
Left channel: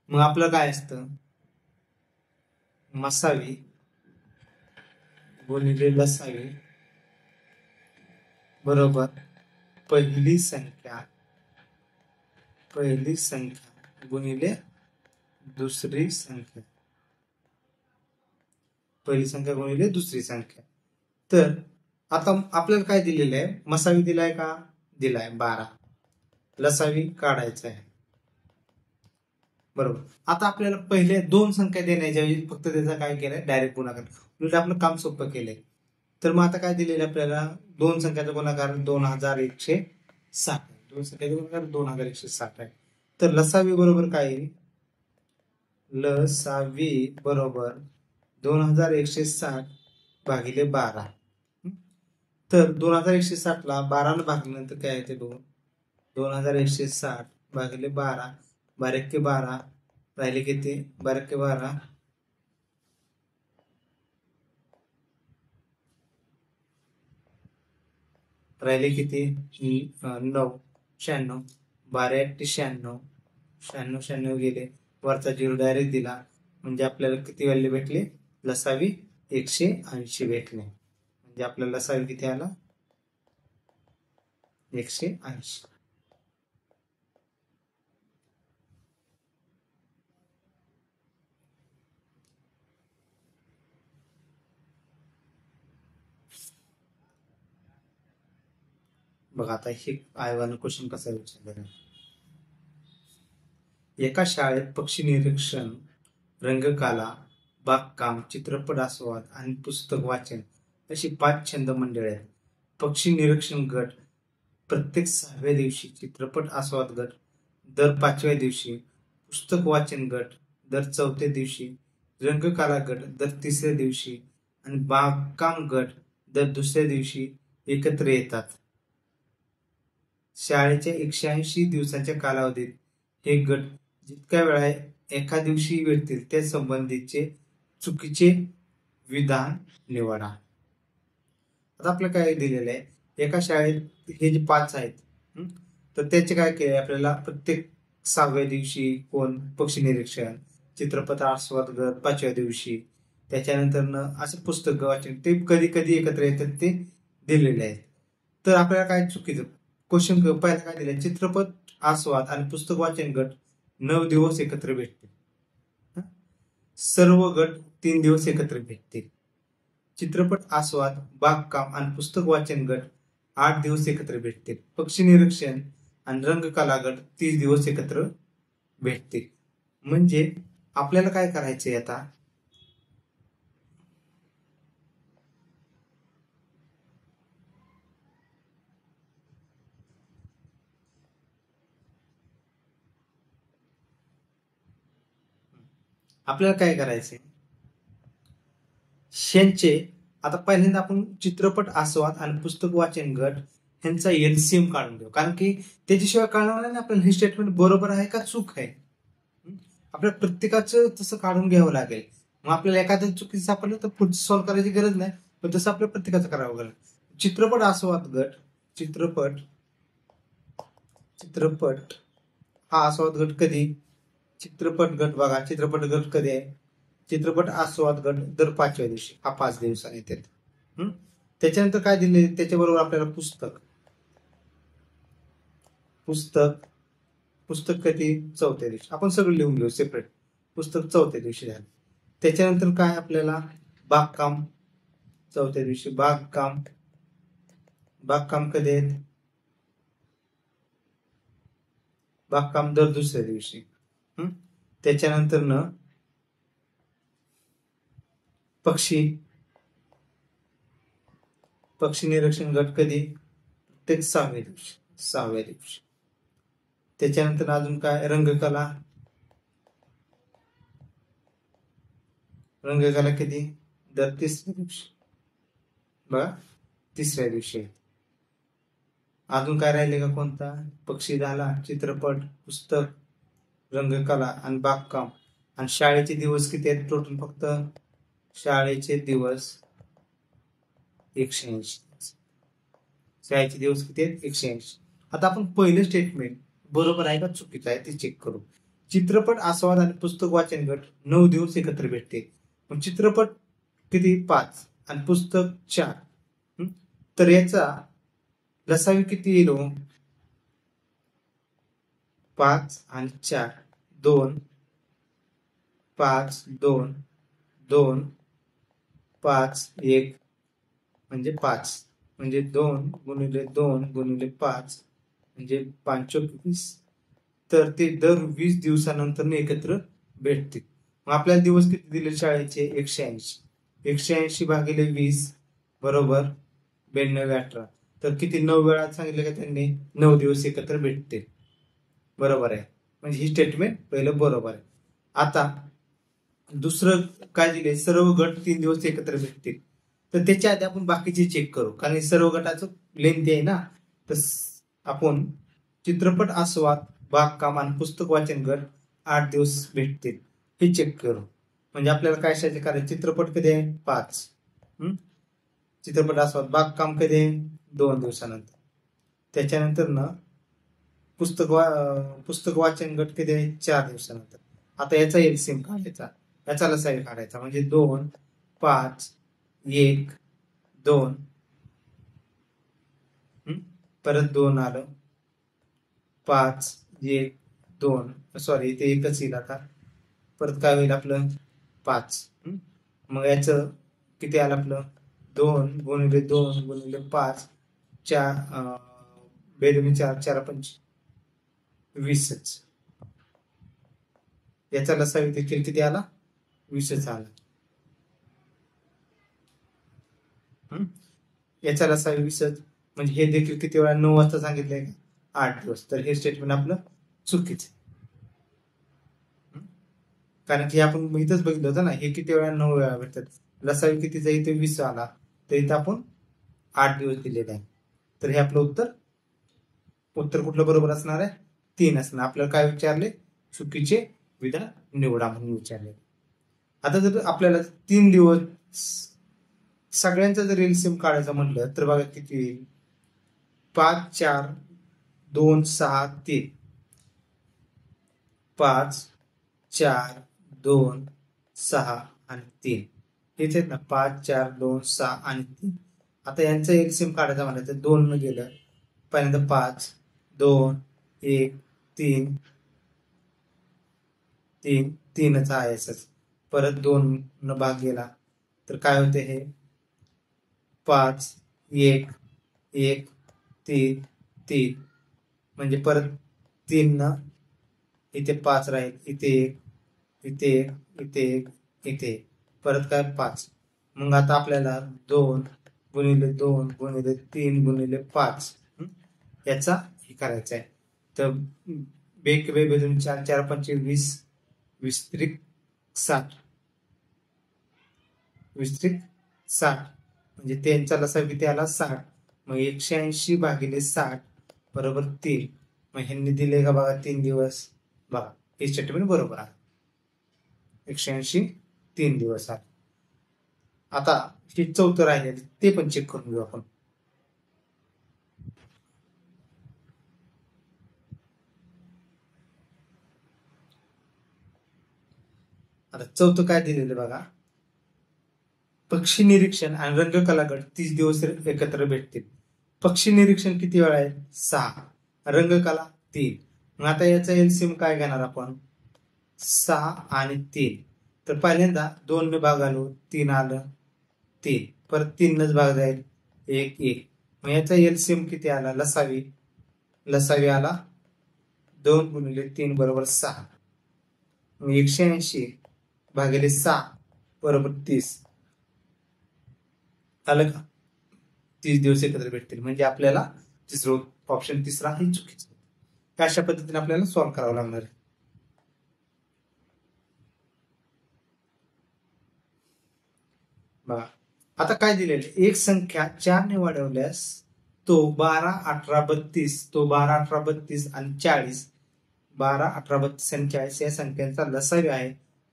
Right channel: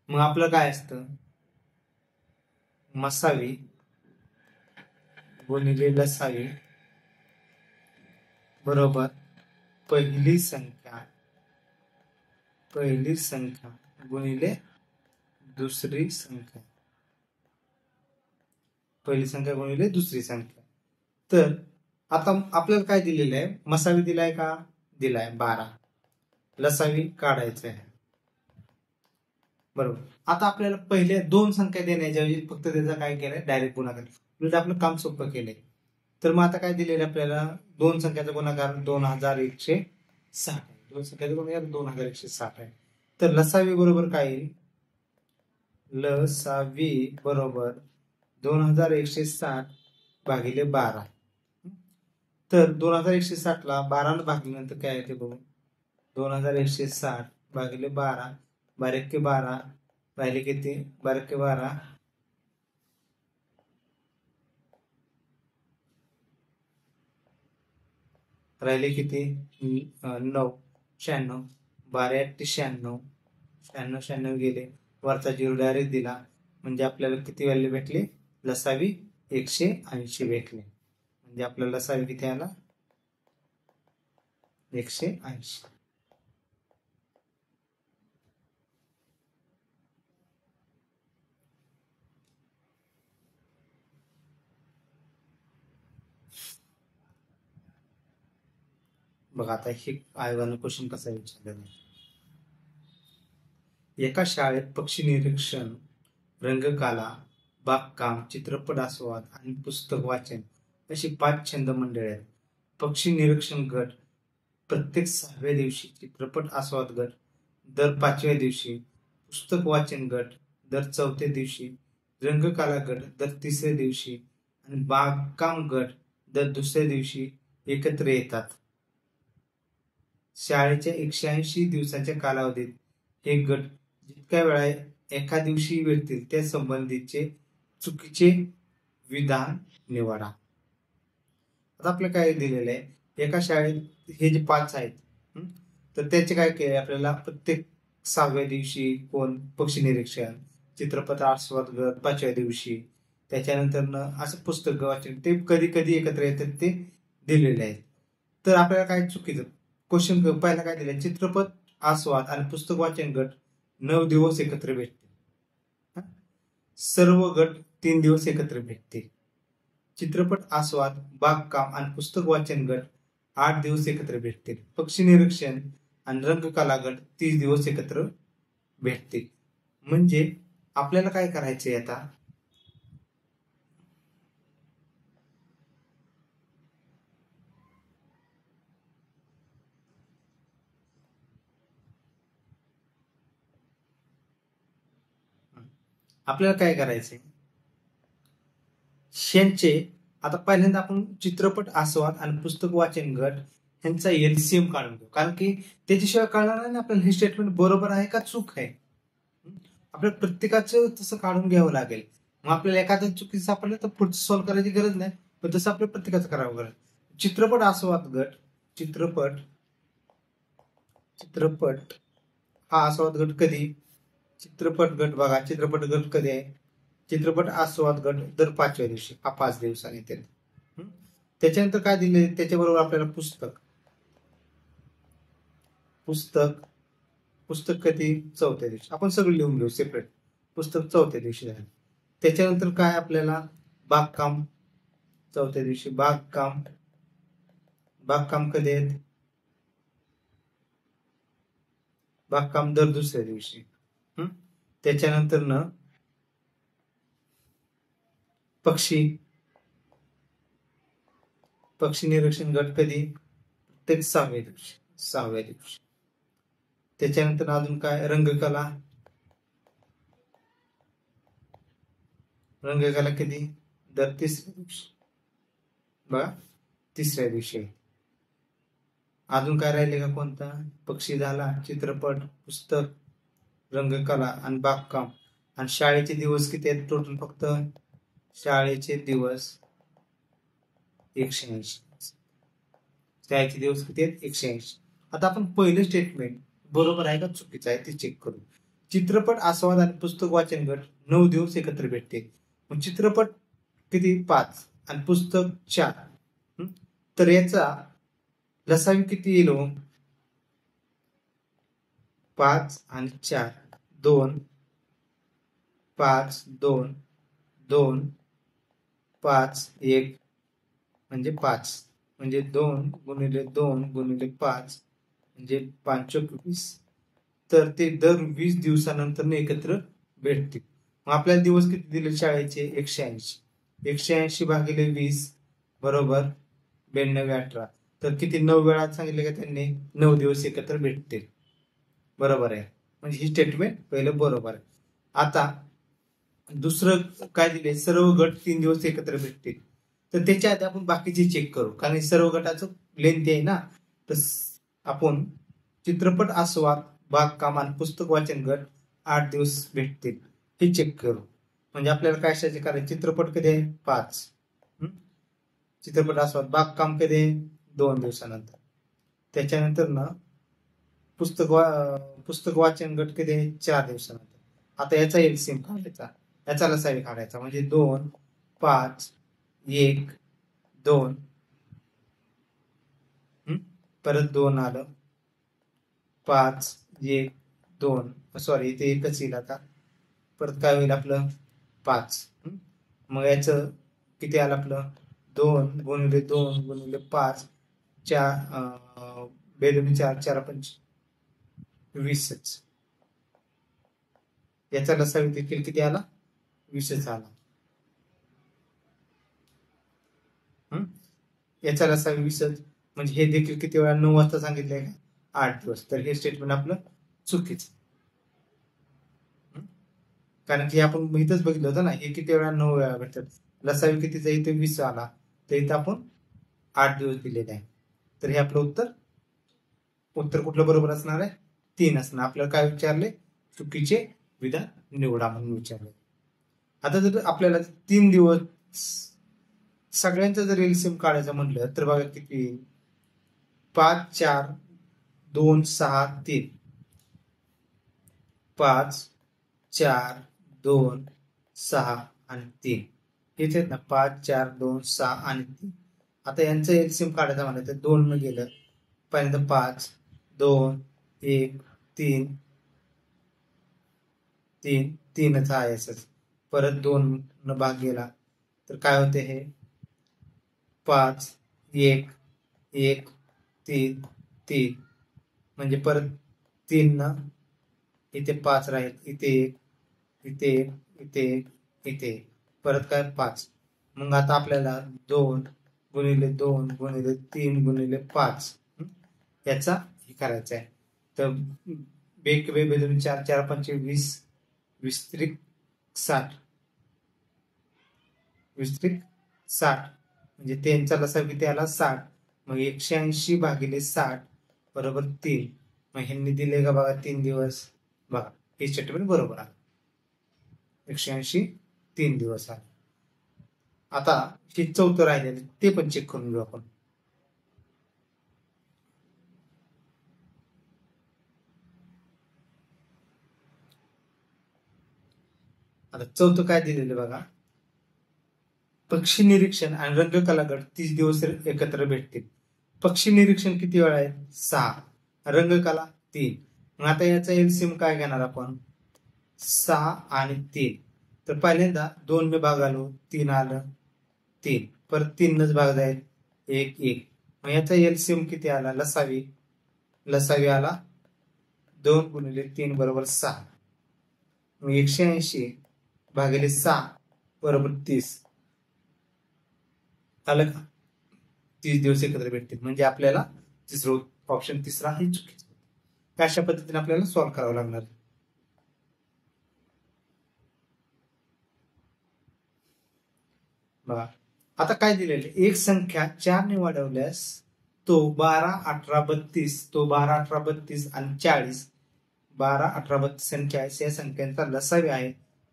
मग आपलं काय असतं? मसावी गुणिले लसावी बरोबर पहिली संख्या गुणिले दुसरी संख्या. पहिली संख्या गुणिले दुसरी संख्या. तर आता आपल्याला काय दिलेलं आहे? मसावी दिलाय का? दिलाय 12. लसावी काढायचं आहे बरोबर. आता आपल्याला पहिले दोन संख्या देण्याच्या ऐवजी फक्त त्याचा काय केलंय? डायरेक्ट गुणाकार. म्हणजे आपलं काम सोपं केलंय. तर मग आता काय दिलेलं आपल्याला? दोन संख्याचा गुणाकार 2160. दोन संख्याचा गुणाकार 2160 आहे. तर लसावी बरोबर काय येईल? लसावी बरोबर 2160 भागिले 12. तर 2160 ला 12 ने भागल्यानंतर काय येते बघू? 2160 भागिले 12. 12 के 12 राहिले किती? 12 के 12 राहिले किती? 9. 96. 12 × 96. 96 गेले. वरचा 0 डायरेक्ट दिला. म्हणजे आपल्याला किती व्हॅल्यू भेटली? लसावी 180 भेटले. म्हणजे आपल्याला लसावी किती आला? 180. बघा आता हे आयोगानं क्वेश्चन कसा विचारलेला आहे. एका शाळेत पक्षी निरीक्षण, रंगकला, बागकाम, चित्रपट आस्वाद आणि पुस्तक वाचन अशी 5 छंद मंडळे आहेत. पक्षी निरीक्षण गट प्रत्येक 6व्या दिवशी, चित्रपट आस्वाद गट दर 5व्या दिवशी, पुस्तक वाचन गट दर 4थ्या दिवशी, रंगकला गट दर 3ऱ्या दिवशी आणि बागकाम गट दर 2ऱ्या दिवशी एकत्र येतात. शाळेच्या 180 दिवसाच्या कालावधीत हे गट जितक्या वेळा एका दिवशी भेटतील त्या संबंधीचे चुकीचे विधान निवडा. आता आपल्याला काय दिलेलं आहे? एका शाळेत हे जे 5 आहेत तर त्याचे काय केले आपल्याला? प्रत्येक 6व्या दिवशी कोण? पक्षी निरीक्षण, चित्रपट आस्वाद गट 5व्या दिवशी, त्याच्यानंतर असं पुस्तक वाचन, ते कधी कधी एकत्र येतात ते दिलेले आहेत. तर आपल्याला काय चुकीचं? क्वेश्चन पहिला काय दिले? चित्रपट आस्वाद आणि पुस्तक वाचन गट 9 दिवस एकत्र भेटतील. सर्व गट 3 दिवस एकत्र भेटतील. चित्रपट आस्वाद, बागकाम आणि पुस्तक वाचन गट 8 दिवस एकत्र भेटतील. पक्षी निरीक्षण आणि रंगकला गट 30 दिवस एकत्र भेटतील. म्हणजे आपल्याला काय करायचंय आता? आपल्याला काय करायचंय, शेनचे आता पहिल्यांदा आपण चित्रपट आस्वाद आणि पुस्तक वाचन गट यांचा एलसीएम काढून घेऊ, कारण की त्याच्याशिवाय कळणार नाही आपल्याला हे स्टेटमेंट बरोबर आहे का चूक आहे. आपल्या प्रत्येकाचं तसं काढून घ्यावं लागेल. मग आपल्याला एखाद्या चुकीचं सापडलं तर पुढचं सॉल्व्ह करायची गरज नाही, पण तसं आपल्या प्रत्येकाचं करावं लागेल. चित्रपट आस्वाद गट, चित्रपट हा आस्वाद गट कधी, चित्रपट गट बघा, चित्रपट गट कधी आहे, चित्रपट आस्वाद गट दर 5व्या दिवशी, हा 5 दिवसांनी येते. त्याच्यानंतर काय दिले, त्याच्याबरोबर आपल्याला पुस्तक कधी, 4थ्या दिवशी. आपण सगळं लिहून घेऊ सेपरेट. पुस्तक 4थ्या दिवशी झालं. त्याच्यानंतर काय आपल्याला बागकाम 4थ्या दिवशी, बागकाम कधी आहे, बागकाम दर 2ऱ्या दिवशी. त्याच्यानंतर न पक्षी निरीक्षण गट कधी, ते 6व्या दिवशी. त्याच्यानंतर अजून काय, रंगकला कधी, दर 3ऱ्या दिवशी बघा, 3ऱ्या दिवशी. अजून काय राहिले का कोणता, पक्षी झाला, चित्रपट, पुस्तक, रंगकला आणि बागकाम. आणि शाळेचे दिवस किती आहेत टोटल, फक्त शाळेचे दिवस 180. शाळेचे दिवस किती आहेत, 180. आता आपण पहिलं स्टेटमेंट बरोबर आहे का चुकीचं आहे ते चेक करू. चित्रपट आस्वाद आणि पुस्तक वाचन गट 9 दिवस एकत्र भेटते. मग चित्रपट किती, 5 आणि पुस्तक 4. तर याचा लसावी किती येईल, 5 आणि 4, 2, 5, 2, 2, 5, 1 म्हणजे 5, म्हणजे 2 गुणिले 2 गुणिले 5 म्हणजे 5 20. तर ते दर 20 दिवसानंतर एकत्र भेटतील. मग आपल्याला दिवस किती दिले शाळेचे, 180. 180 भागिले 20 बरोबर 9218. तर किती, 9 वेळा सांगितले का त्यांनी, 9 दिवस एकत्र भेटतील. बरोबर आहे, म्हणजे ही स्टेटमेंट पहिलं बरोबर आहे. आता दुसरं काय दिले, सर्व गट 3 दिवस एकत्र भेटतील. तर त्याच्या आधी आपण बाकीचे चेक करू, कारण सर्व गटाचं लेंथी आहे ना. तर आपण चित्रपट आस्वाद, बागकाम आणि पुस्तक वाचन गट 8 दिवस भेटतील हे चेक करू. म्हणजे आपल्याला काय करायचं, चित्रपट कधी आहे, 5, चित्रपट आस्वाद, बागकाम कधी आहे, 2 दिवसानंतर. त्याच्यानंतर ना पुस्तक वाचन गट कधी आहे, 4 दिवसानंतर. आता याचा एलसीएम काढायचा, याचा लसावी काढायचा, म्हणजे 2, 5, 1, 2, परत 2 आलं, 5, 1, 2, सॉरी इथे एकच येईल. आता परत काय होईल आपलं, 5. मग याचं किती आलं आपलं, 2 गुणिले 2 गुणिले 5, 4 बेदमी 4, 4 5 20. याचा लसावी देखील किती आला, 20 आला. याचा लसावी 20, म्हणजे हे देखील किती वेळा, 9 वाजता सांगितले का, 8 दिवस. तर हे स्टेटमेंट आपलं चुकीचं, कारण की आपण इथंच बघितलं होतं ना, हे किती वेळा, 9 वेळा भेटतात. लसावी कितीचा, इथे 20 आला, तर इथं आपण 8 दिवस दिलेले आहे. तर हे आपलं उत्तर कुठलं बरोबर असणार आहे, 3 असणार. आपल्याला काय विचारले, चुकीचे विधान निवडा म्हणून विचारले. आता जर आपल्याला 3 दिवस सगळ्यांचा जर एलसीएम काढायचं म्हणलं तर बघा किती, 5, 4, 2, 6, 3, 5, 4, 2, 6 आणि 3. इथे ना 5, 4, 2, 6 आणि 3. आता यांचं एलसीएम काढायचं म्हणलं तर 2 न गेलं, पहिल्यांदा 5, 2, 1, 3, 3च आहे. परत 2 न भाग गेला तर काय होते, हे 5, 1, 1, 3, 3, म्हणजे परत 3 न इथे 5 राहील, इथे 1, इथे 1, परत काय 5. मग आता आपल्याला 2 गुणिले 2 गुणिले 3 गुणिले 5 याचा हे करायचं आहे. तर 4, 4, 5, 20, 20 60 विस्तृत 60 म्हणजे त्यांचा लसाव किती आला 60. मग 180 भागिले 60 बरोबर 3. मग ह्यांनी दिले का बघा 3 दिवस. बघा हे स्टेटमेंट बरोबर आहे. 180 3 दिवस आहे. आता हे चौथं राहिले ते पण चेक करून घेऊ आपण. आता चौथं काय दिलेलं बघा. पक्षी निरीक्षण आणि रंगकला गट 30 दिवस एकत्र भेटतील. पक्षी निरीक्षण किती वेळा आहे 6. रंगकला 3. मग आता याचा एलसीएम काय घेणार आपण 6 आणि 3. तर पहिल्यांदा 2 ने भाग आलो 3 आलं 3. परत 3 नच भाग जाईल 1 1. मग याचा एलसीएम किती आला लसावी आला 2 गुणिले 3 बरोबर 6. मग 180 भागिले 6 बरोबर 30 आलं का. 30 दिवस एकत्र भेटतील म्हणजे आपल्याला तिसरं ऑप्शन तिसरा हे चुकीचं. अशा पद्धतीने आपल्याला सॉल्व्ह करावं लागणार आहे. आता काय दिलेले एक संख्या 4 ने वाढवल्यास तो 12 18 32 तो 12 18 32 आणि 40 12 18 32 संख्या आहे. या संख्यांचा लसावी आहे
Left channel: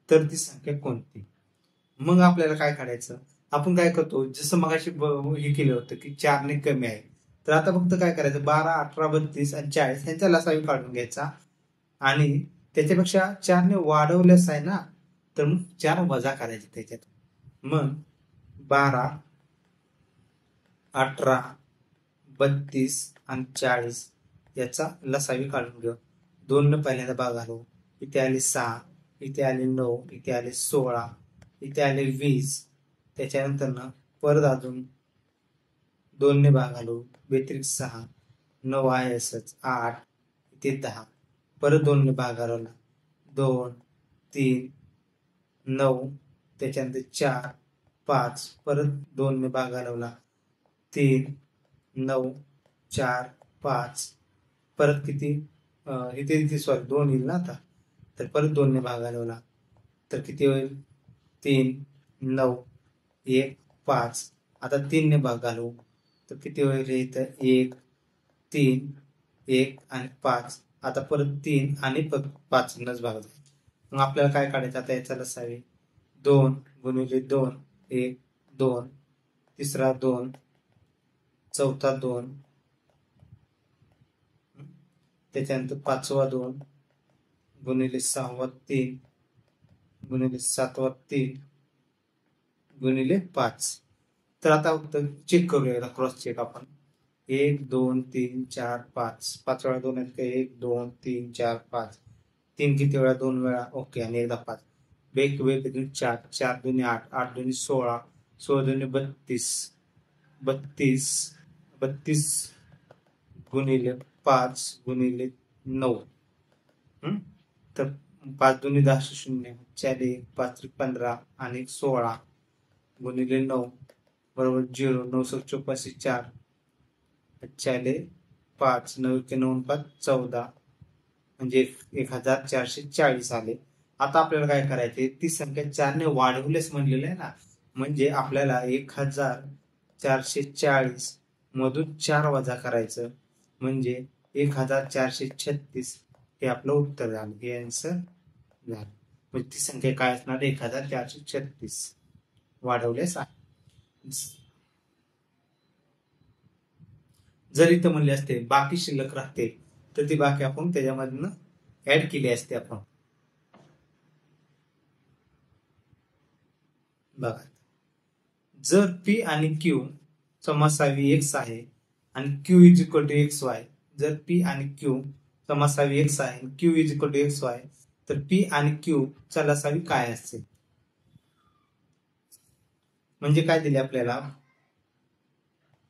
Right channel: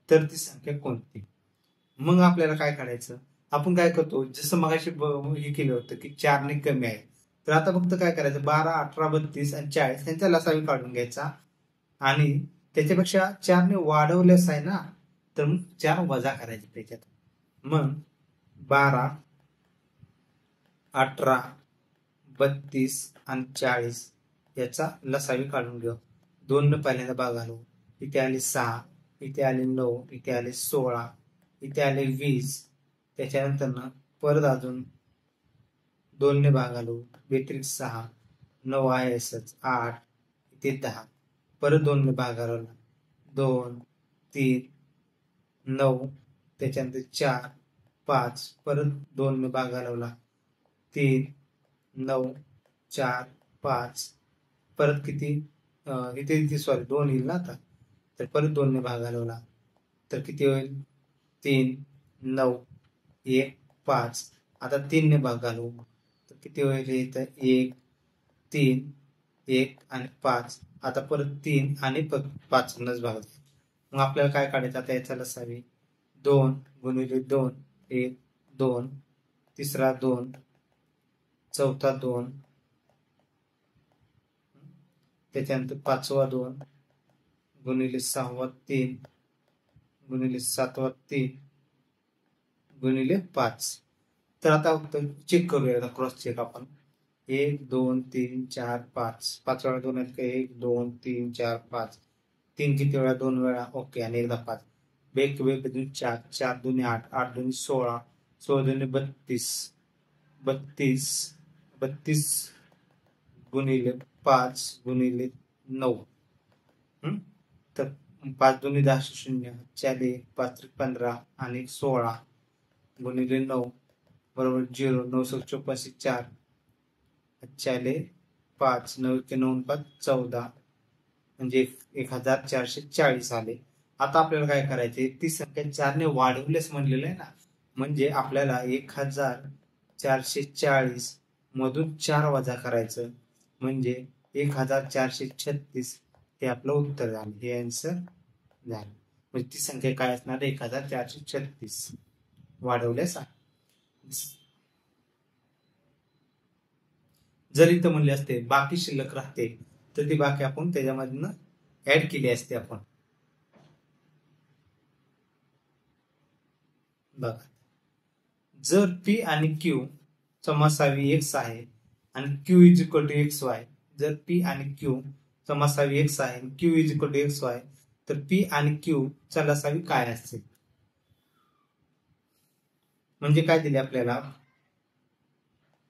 तर ती संख्या कोणती. मग आपल्याला काय काढायचं आपण काय करतो जसं मगाशी हे केलं होतं की 4 ने कमी आहे. तर आता फक्त काय करायचं 12 18 32 आणि 40 यांचा लसावी काढून घ्यायचा आणि त्याच्यापेक्षा 4 ने वाढवल्यास आहे ना तर मग 4 वजा करायचे त्याच्यात. मग 12 18 32 आणि 40 याचा लसावी काढून घेऊ. 2 ने पहिल्यांदा भाग आलो इथे आले 6 इथे आले 9 इथे आले 16 इथे आले 20. त्याच्यानंतर ना परत अजून 2 ने भाग आलो व्यतिरिक्त 6 9 आहे असंच 8 इथे 10. परत 2 ने भाग आलो 2 3 9 त्याच्यानंतर 4 5 परत 2 ने भाग आला 3 9 4 5 परत किती इथे सॉरी 2 येईल ना आता. तर परत 2 ने भाग आला तर किती होईल 3 9 1 5. आता 3 ने भाग आलो तर किती होईल इथं 1 3 1 आणि 5. आता परत 3 आणि 5 नच भाग जाईल. मग आपल्याला काय काढायचं आता याचा लसावी 2 गुणिले 2 1 2 तिसरा 2 चौथा 2 त्याच्यानंतर 5वा 2 गुणिले 6वा 3 गुणिले 7वा 3 गुणिले 5. तर आता फक्त चेक करूया क्रॉस चेक आपण 1 2 3 4 5 5 वेळा 2 आहेत का 1 2 3 4 5 3 किती वेळा 2 वेळा ओके आणि एकदा 5 वेग वेग 4 4 2 8 8 2 16 16 2 32 32 32 गुणिले 5 गुणिले 9 तर 5 2 10 0 4 1 5 15 आणि 16 गुणिले 9 बरोबर 0 9 84 4 4 5 9 9 5 14 म्हणजे 1440 आले. आता आपल्याला काय करायचे ती संख्या 4 ने वाढवल्यास म्हणलेलं आहे ना म्हणजे आपल्याला 1440 मधून 4 वजा करायचं म्हणजे 1436 हे आपलं उत्तर झालं. हे आन्सर झालं. म्हणजे ती संख्या काय असणार 1436 वाढवल्यास आहे. जर इथं म्हणले असते बाकी शिल्लक राहते तर ती बाकी आपण त्याच्यामधनं ऍड केली असते आपण. बघा जर पी आणि क्यू चा मसावी x आहे आणि q is equal to xy जर p आणि q चा मसावी x आहे आणि q is equal to xy तर p आणि q चा लसावी काय असते. म्हणजे काय दिले आपल्याला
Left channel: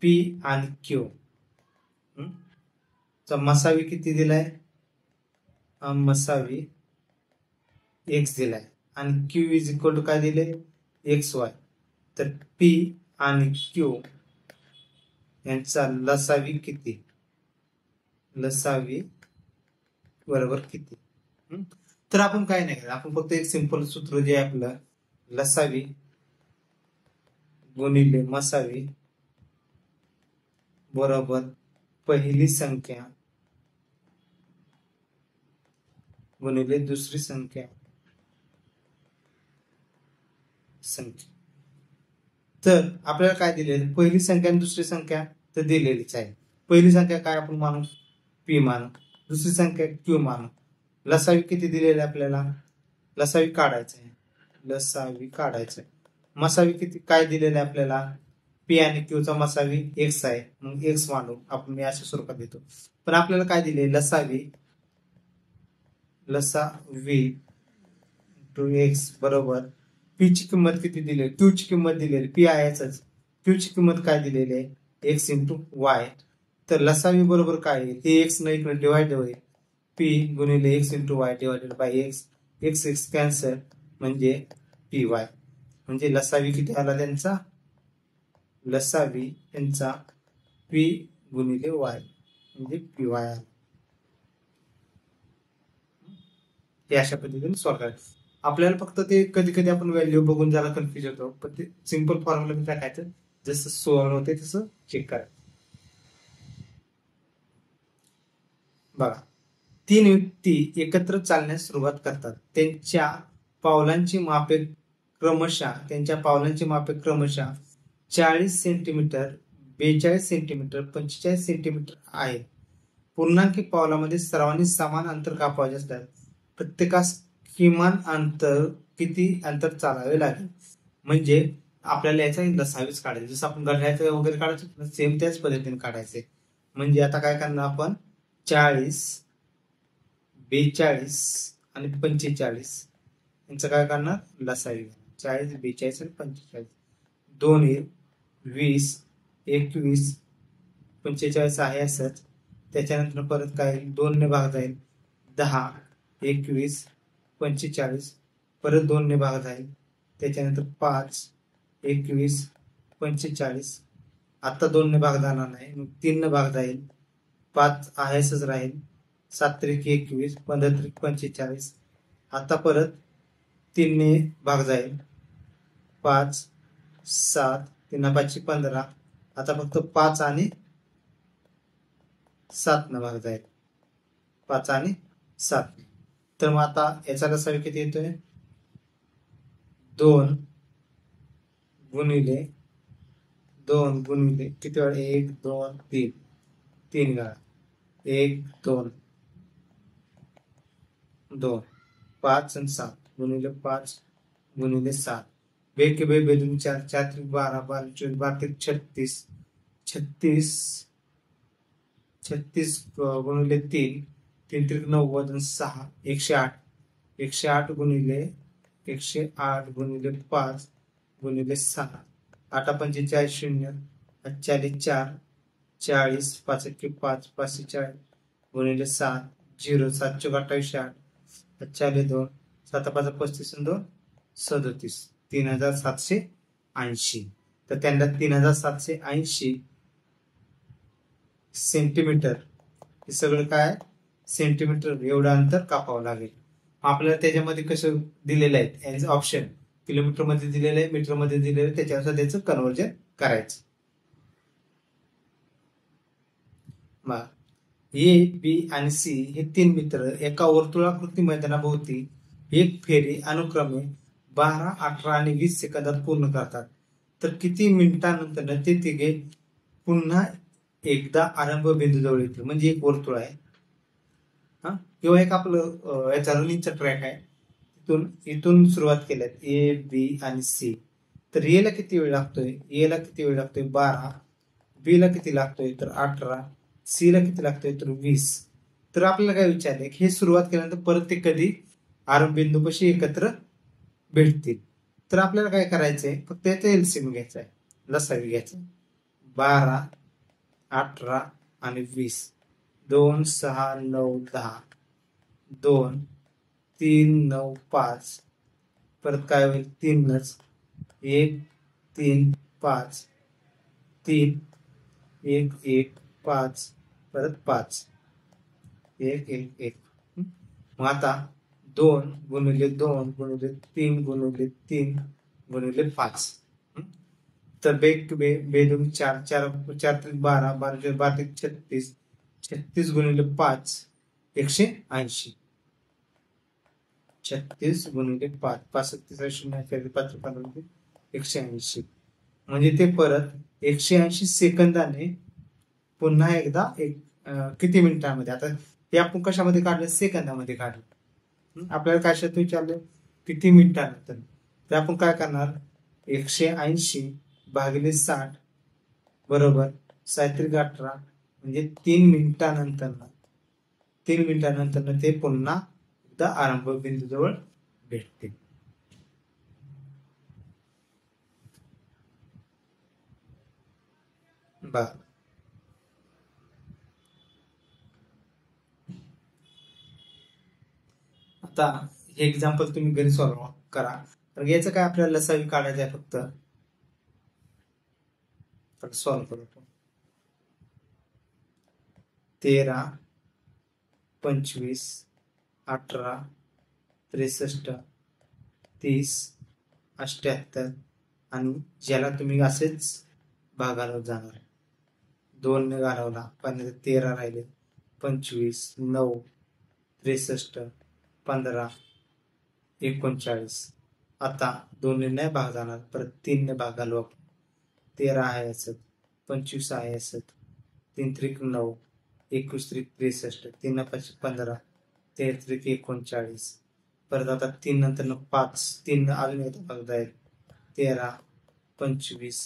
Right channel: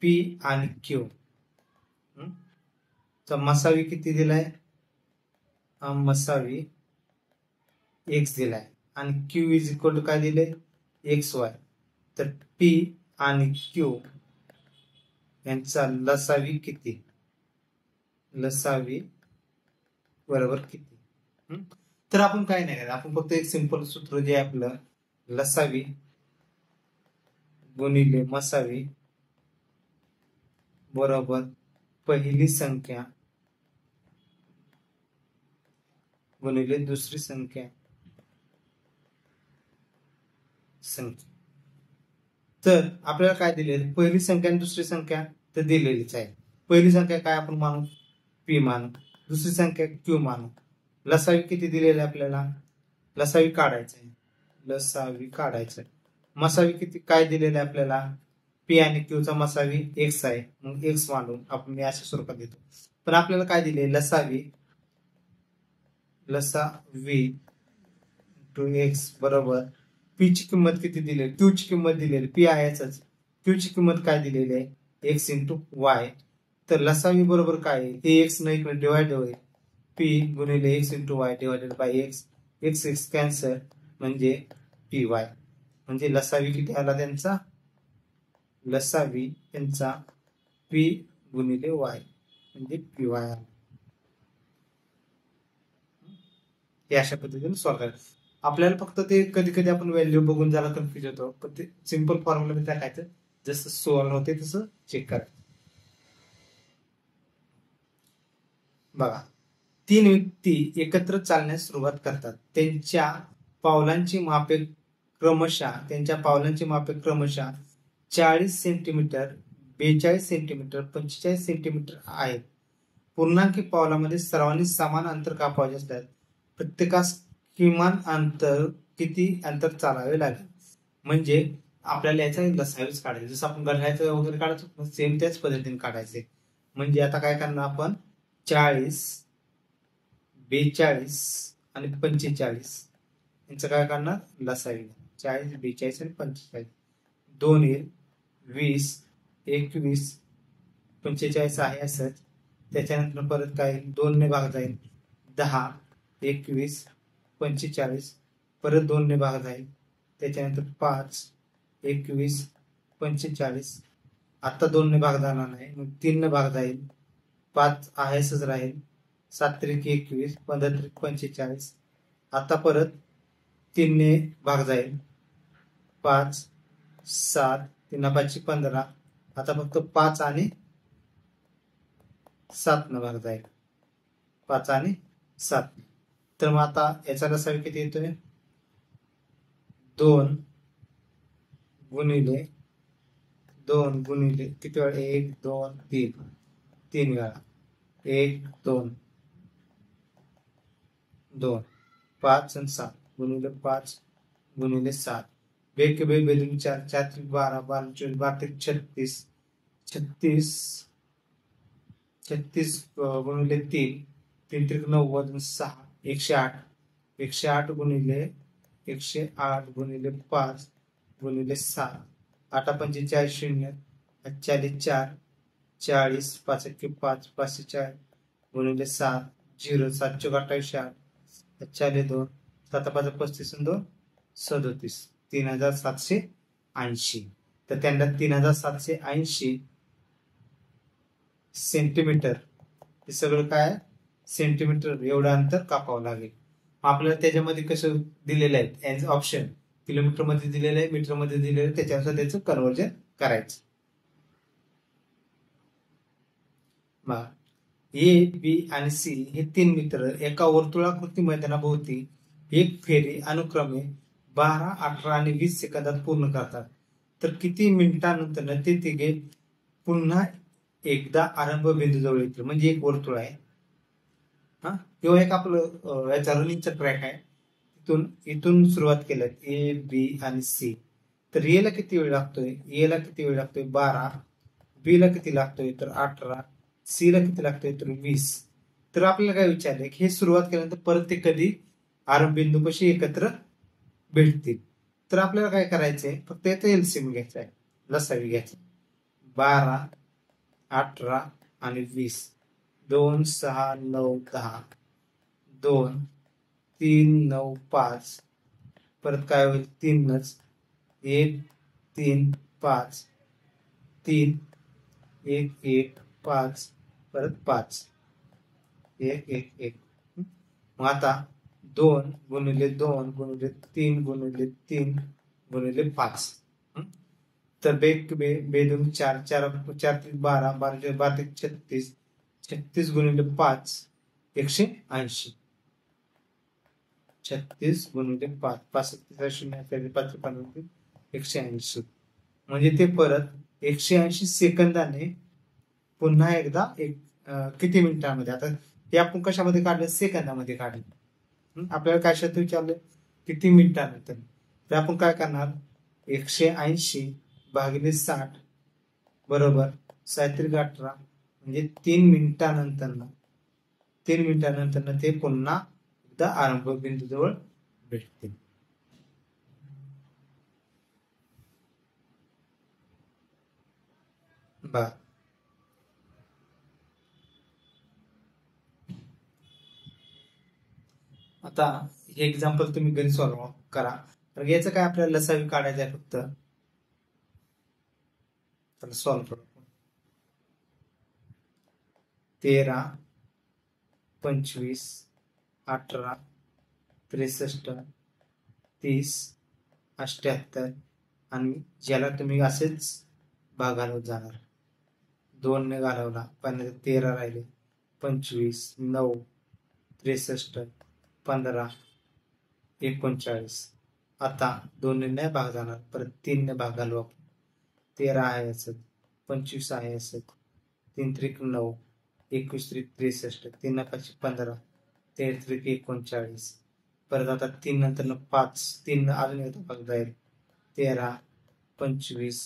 p आणि q चा मसावी किती दिलाय मसावी x दिलाय आणि q इज इक्वल टू काय दिले xy तर p आणि q यांचा लसावी किती लसावी बरोबर किती. तर आपण काय नाही करायचं, आपण फक्त एक सिंपल सूत्र जे आहे आपलं लसावी गुणिले मसावी बरोबर पहिली संख्या गुणिले दुसरी संख्या तर आपल्याला काय दिले, पहिली संख्या आणि दुसरी संख्या तर दिलेलीच आहे. पहिली संख्या काय आपण मानू, पी मानू, दुसरी संख्या क्यू मानू. लसावी किती दिलेली आपल्याला, लसावी काढायचं, लसावी काढायचं. मसावी किती काय दिलेलं आहे आपल्याला, पी आणि क्यू चा मसावी एक्स आहे, मग एक्स मानू आपण, मी अशा स्वरूपात देतो. पण आपल्याला काय दिले, लसावी टू एक्स बरोबर पी ची किंमत किती दिली, क्यू ची किंमत दिलेली, पी आहेच, क्यू ची किंमत काय दिलेली आहे, एक्स इंटू वाय. तर लसावी बरोबर काय आहे, ही एक्स न इकडे डिवाइड होईल, पी गुणिले x into Y divided by x, x x cancel म्हणजे पी वाय. म्हणजे लसावी किती आला त्यांचा, लसावी यांचा पी गुणिले वाय म्हणजे पी वाय आला. हे अशा पद्धतीने सॉल्व्ह करायचं. आपल्याला फक्त ते कधी कधी आपण व्हॅल्यू बघून जरा कन्फ्युज होतो, पण ते सिंपल फॉर्म्युला टाकायचं, जसं सॉल्व्ह होते तसं चेक करा. बघा, 3 व्यक्ती एकत्र चालण्यास सुरुवात करतात. त्यांच्या पावलांची मापे क्रमशः 40 सेंटीमीटर, 42 सेंटीमीटर, 45 सेंटीमीटर आहेत. पूर्णांकी पावलामध्ये सर्वांनी समान अंतर कापायचे असतात. प्रत्येकास किमान अंतर किती अंतर चालावे लागेल. म्हणजे आपल्याला याचा लसावीच काढायचं, जसं आपण घड्याळाचं वगैरे काढायचो सेम त्याच पद्धतीने काढायचे. म्हणजे आता काय करणार आपण, 40, 42 आणि 45 यांचं काय करणार, लसावी. 40, 42 आणि 45, 2 20, 21, 45 आहे असंच. त्याच्यानंतर परत काय 2 ने भाग जाईल, 10, 21, 45 परत 2 ने भाग जाईल, त्याच्यानंतर 5, 21, 45 आता 2 ने भाग जाणार नाही, मग 3 ने भाग जाईल, 5 आहेसच राहील, 7 त्रिक 21, 15 त्रिक 45 आता परत 3 ने भाग जाईल, 5, 7, 3 5 15 आता फक्त 5 आणि 7 न भाग जाईल, 5 आणि 7. तर मग आता याचा लसावी किती येतोय, 2 गुणिले किती वेळा, 1 2 3 3 वेळा, 1 2 2 5 आणि 7 गुणिले 5 गुणिले 7, बे के बे बेदून 4, 4 त्रिक 12, 12 24, 12 त्रिक 36, 36 गुणिले 3, 3 त्रिक 90 आणि 6, 108, 108 गुणिले 5 गुणिले 7, 8 पंचे 40, 40 4, 40, 5 1 5, 5 4 गुणिले 7, 0, 7 चौक 28, 8, 2, 7 5 35 आणि 2 37, 3780. तर त्यांना 3780 सेंटीमीटर, हे सगळं काय सेंटीमीटर एवढं अंतर कापावं लागेल. आपल्याला त्याच्यामध्ये कसं दिलेलं आहे ऍज ऑप्शन, किलोमीटर मध्ये दिलेलं आहे, मीटर मध्ये दिलेलं आहे, त्याच्यानुसार त्याचं कन्वर्जन करायचं. ए बी आणि सी हे 3 मित्र एका वर्तुळाकृती मैदानाभोवती एक फेरी अनुक्रमे 12, 18 आणि 20 सेकंदात पूर्ण करतात. तर किती मिनिटांनंतर ते तिघे पुन्हा एकदा आरंभ बिंदू जवळ येतील. म्हणजे एक वर्तुळ आहे किंवा एक आपलं याचा रनिंगचा ट्रॅक आहे, इथून सुरुवात केल्यात ए बी आणि सी. तर ए ला किती वेळ लागतोय, 12, बी ला किती लागतोय तर 18, सी ला किती लागतोय तर 20. तर आपल्याला काय विचारलंय की हे सुरुवात केल्यानंतर परत ते कधी आरंभ बिंदू कशी एकत्र भेटतील. तर आपल्याला काय करायचंय, फक्त याचा एलसीएम घ्यायचा आहे, लसावी घ्यायचा, 12, 18 आणि 20, 2 6 9 10, 2 3 9 5 परत काय होईल 3च, 1 3 5 3 1 1 5 परत 5 1 1 1. मग आता 2 गुणिले 2 गुणिले 3 गुणिले 3 गुणिले 5. तर बेदून 4 4 4 12 12 12 36 36 गुणिले 5 180. 36 गुणिले 5 5 0 5 15 180. म्हणजे ते परत 180 सेकंदाने पुन्हा एकदा किती मिनिटांमध्ये. आता हे आपण कशामध्ये काढलं, सेकंदामध्ये काढलं. आपल्याला कशात विचारलं किती मिनिटानंतर, तर आपण काय करणार 180 भागिले 60 बरोबर 18 म्हणजे 3 मिनिटानंतर ते पुन्हा एकदा आरंभ बिंदू जवळ भेटते. आता हे एक्झाम्पल तुम्ही घरी सॉल्व्ह करा. याचं काय आपल्याला लसावी काढायचं आहे फक्त. तर सॉल्व्ह करू. 13 25 18 63 30 78 आणि ज्याला तुम्ही असेच भागाला जाणार 2 ने घालवला 13 राहिले 25 9 63 15 39. आता 2 ने नाही भाग जाणार, परत 3 ने भाग घालू आपण. 13 आहे असत 25 आहे असत 3 त्रिक 9 21 त्रिक 63 3 5 15 13 त्रिक 39. परत आता 3 नंतर 5 3 अजून येतो भाग जाईल 13 25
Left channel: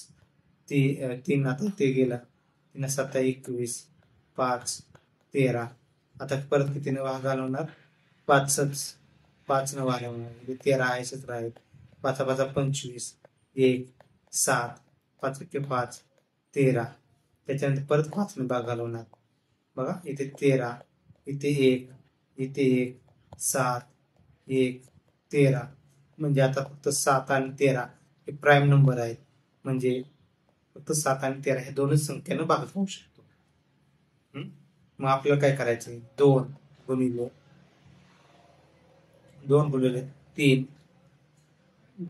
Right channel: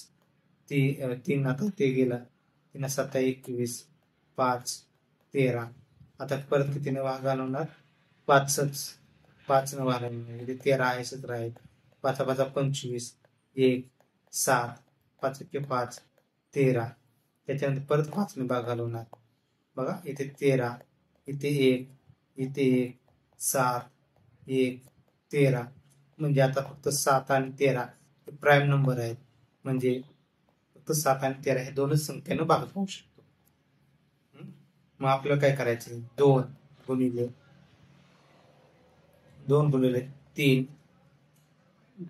3 आता ते गेलं 3 7 21 5 13. आता परत कितीने भाग घालवणार 5 न भाग घालवणार म्हणजे 13 आहेच राहील 5 5 25 1 7 5 5 13. त्याच्यानंतर परत 5 ने भाग घालवणार. बघा इथे 13 इथे 1 इथे 1 7 1 13. म्हणजे आता फक्त 7 आणि 13 हे प्राईम नंबर आहेत, म्हणजे फक्त 7 आणि 13 हे दोनच संख्येनं भाग होऊ शकतो. मग आपल्याला काय करायचं 2 गुणिले 3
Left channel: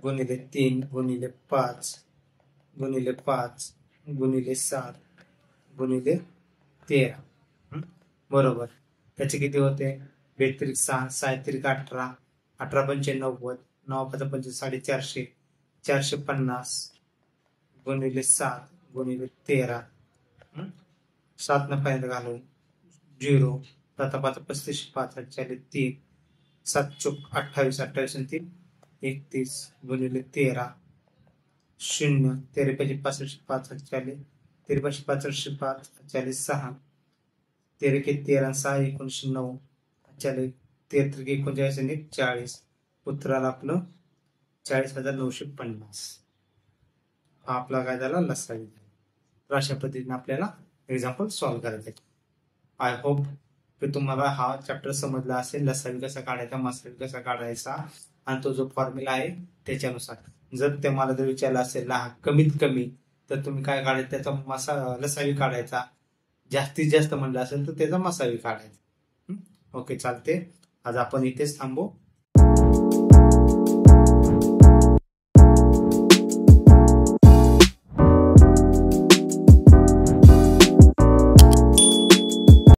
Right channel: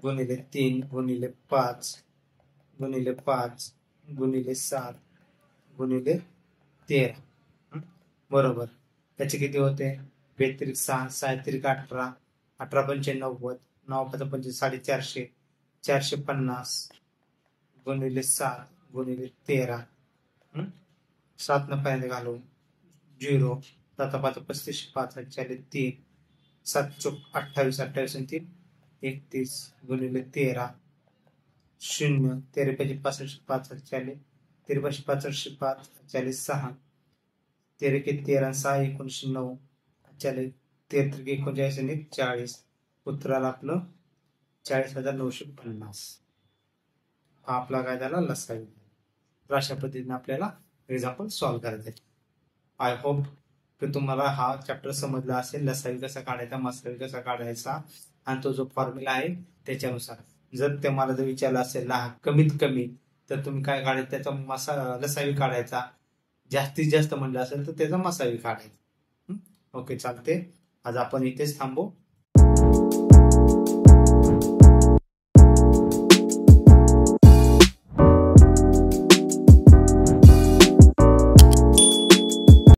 गुणिले 3 गुणिले 5 गुणिले 5 गुणिले 7 गुणिले 13 बरोबर. त्याचे किती होते 32 6 6 त्रिक 18 18 पंचे 90 9 5 पंचे 450 450 गुणिले 7 गुणिले 13. 7 न पर्यंत घालून 0 7 5 35 5 3 7 चौक 28 28 आणि 3 31 गुणिले 13 0 13 5 65 5 40 13 5 65 5 40 6 13 के 13 6 19 9 40 13 39 आणि 40. उत्तराला आपलं 40,950. हा आपला काय झाला लसावी. तर अशा पद्धतीने आपल्याला एक्झाम्पल सॉल्व्ह करायचे. आय होप की तुम्हाला हा चॅप्टर समजला असेल. लसावी कसा काढायचा, मसावी कसा काढायचा आणि तो जो फॉर्म्युला आहे त्याच्यानुसार. जर तुम्हाला जर विचारला असेल ना कमीत कमी, तर तुम्ही काय काढायचं त्याचा लसावी काढायचा. जास्तीत जास्त म्हणलं असेल तर त्याचा मसावी काढायचा. ओके चालते. आज आपण इथेच थांबू.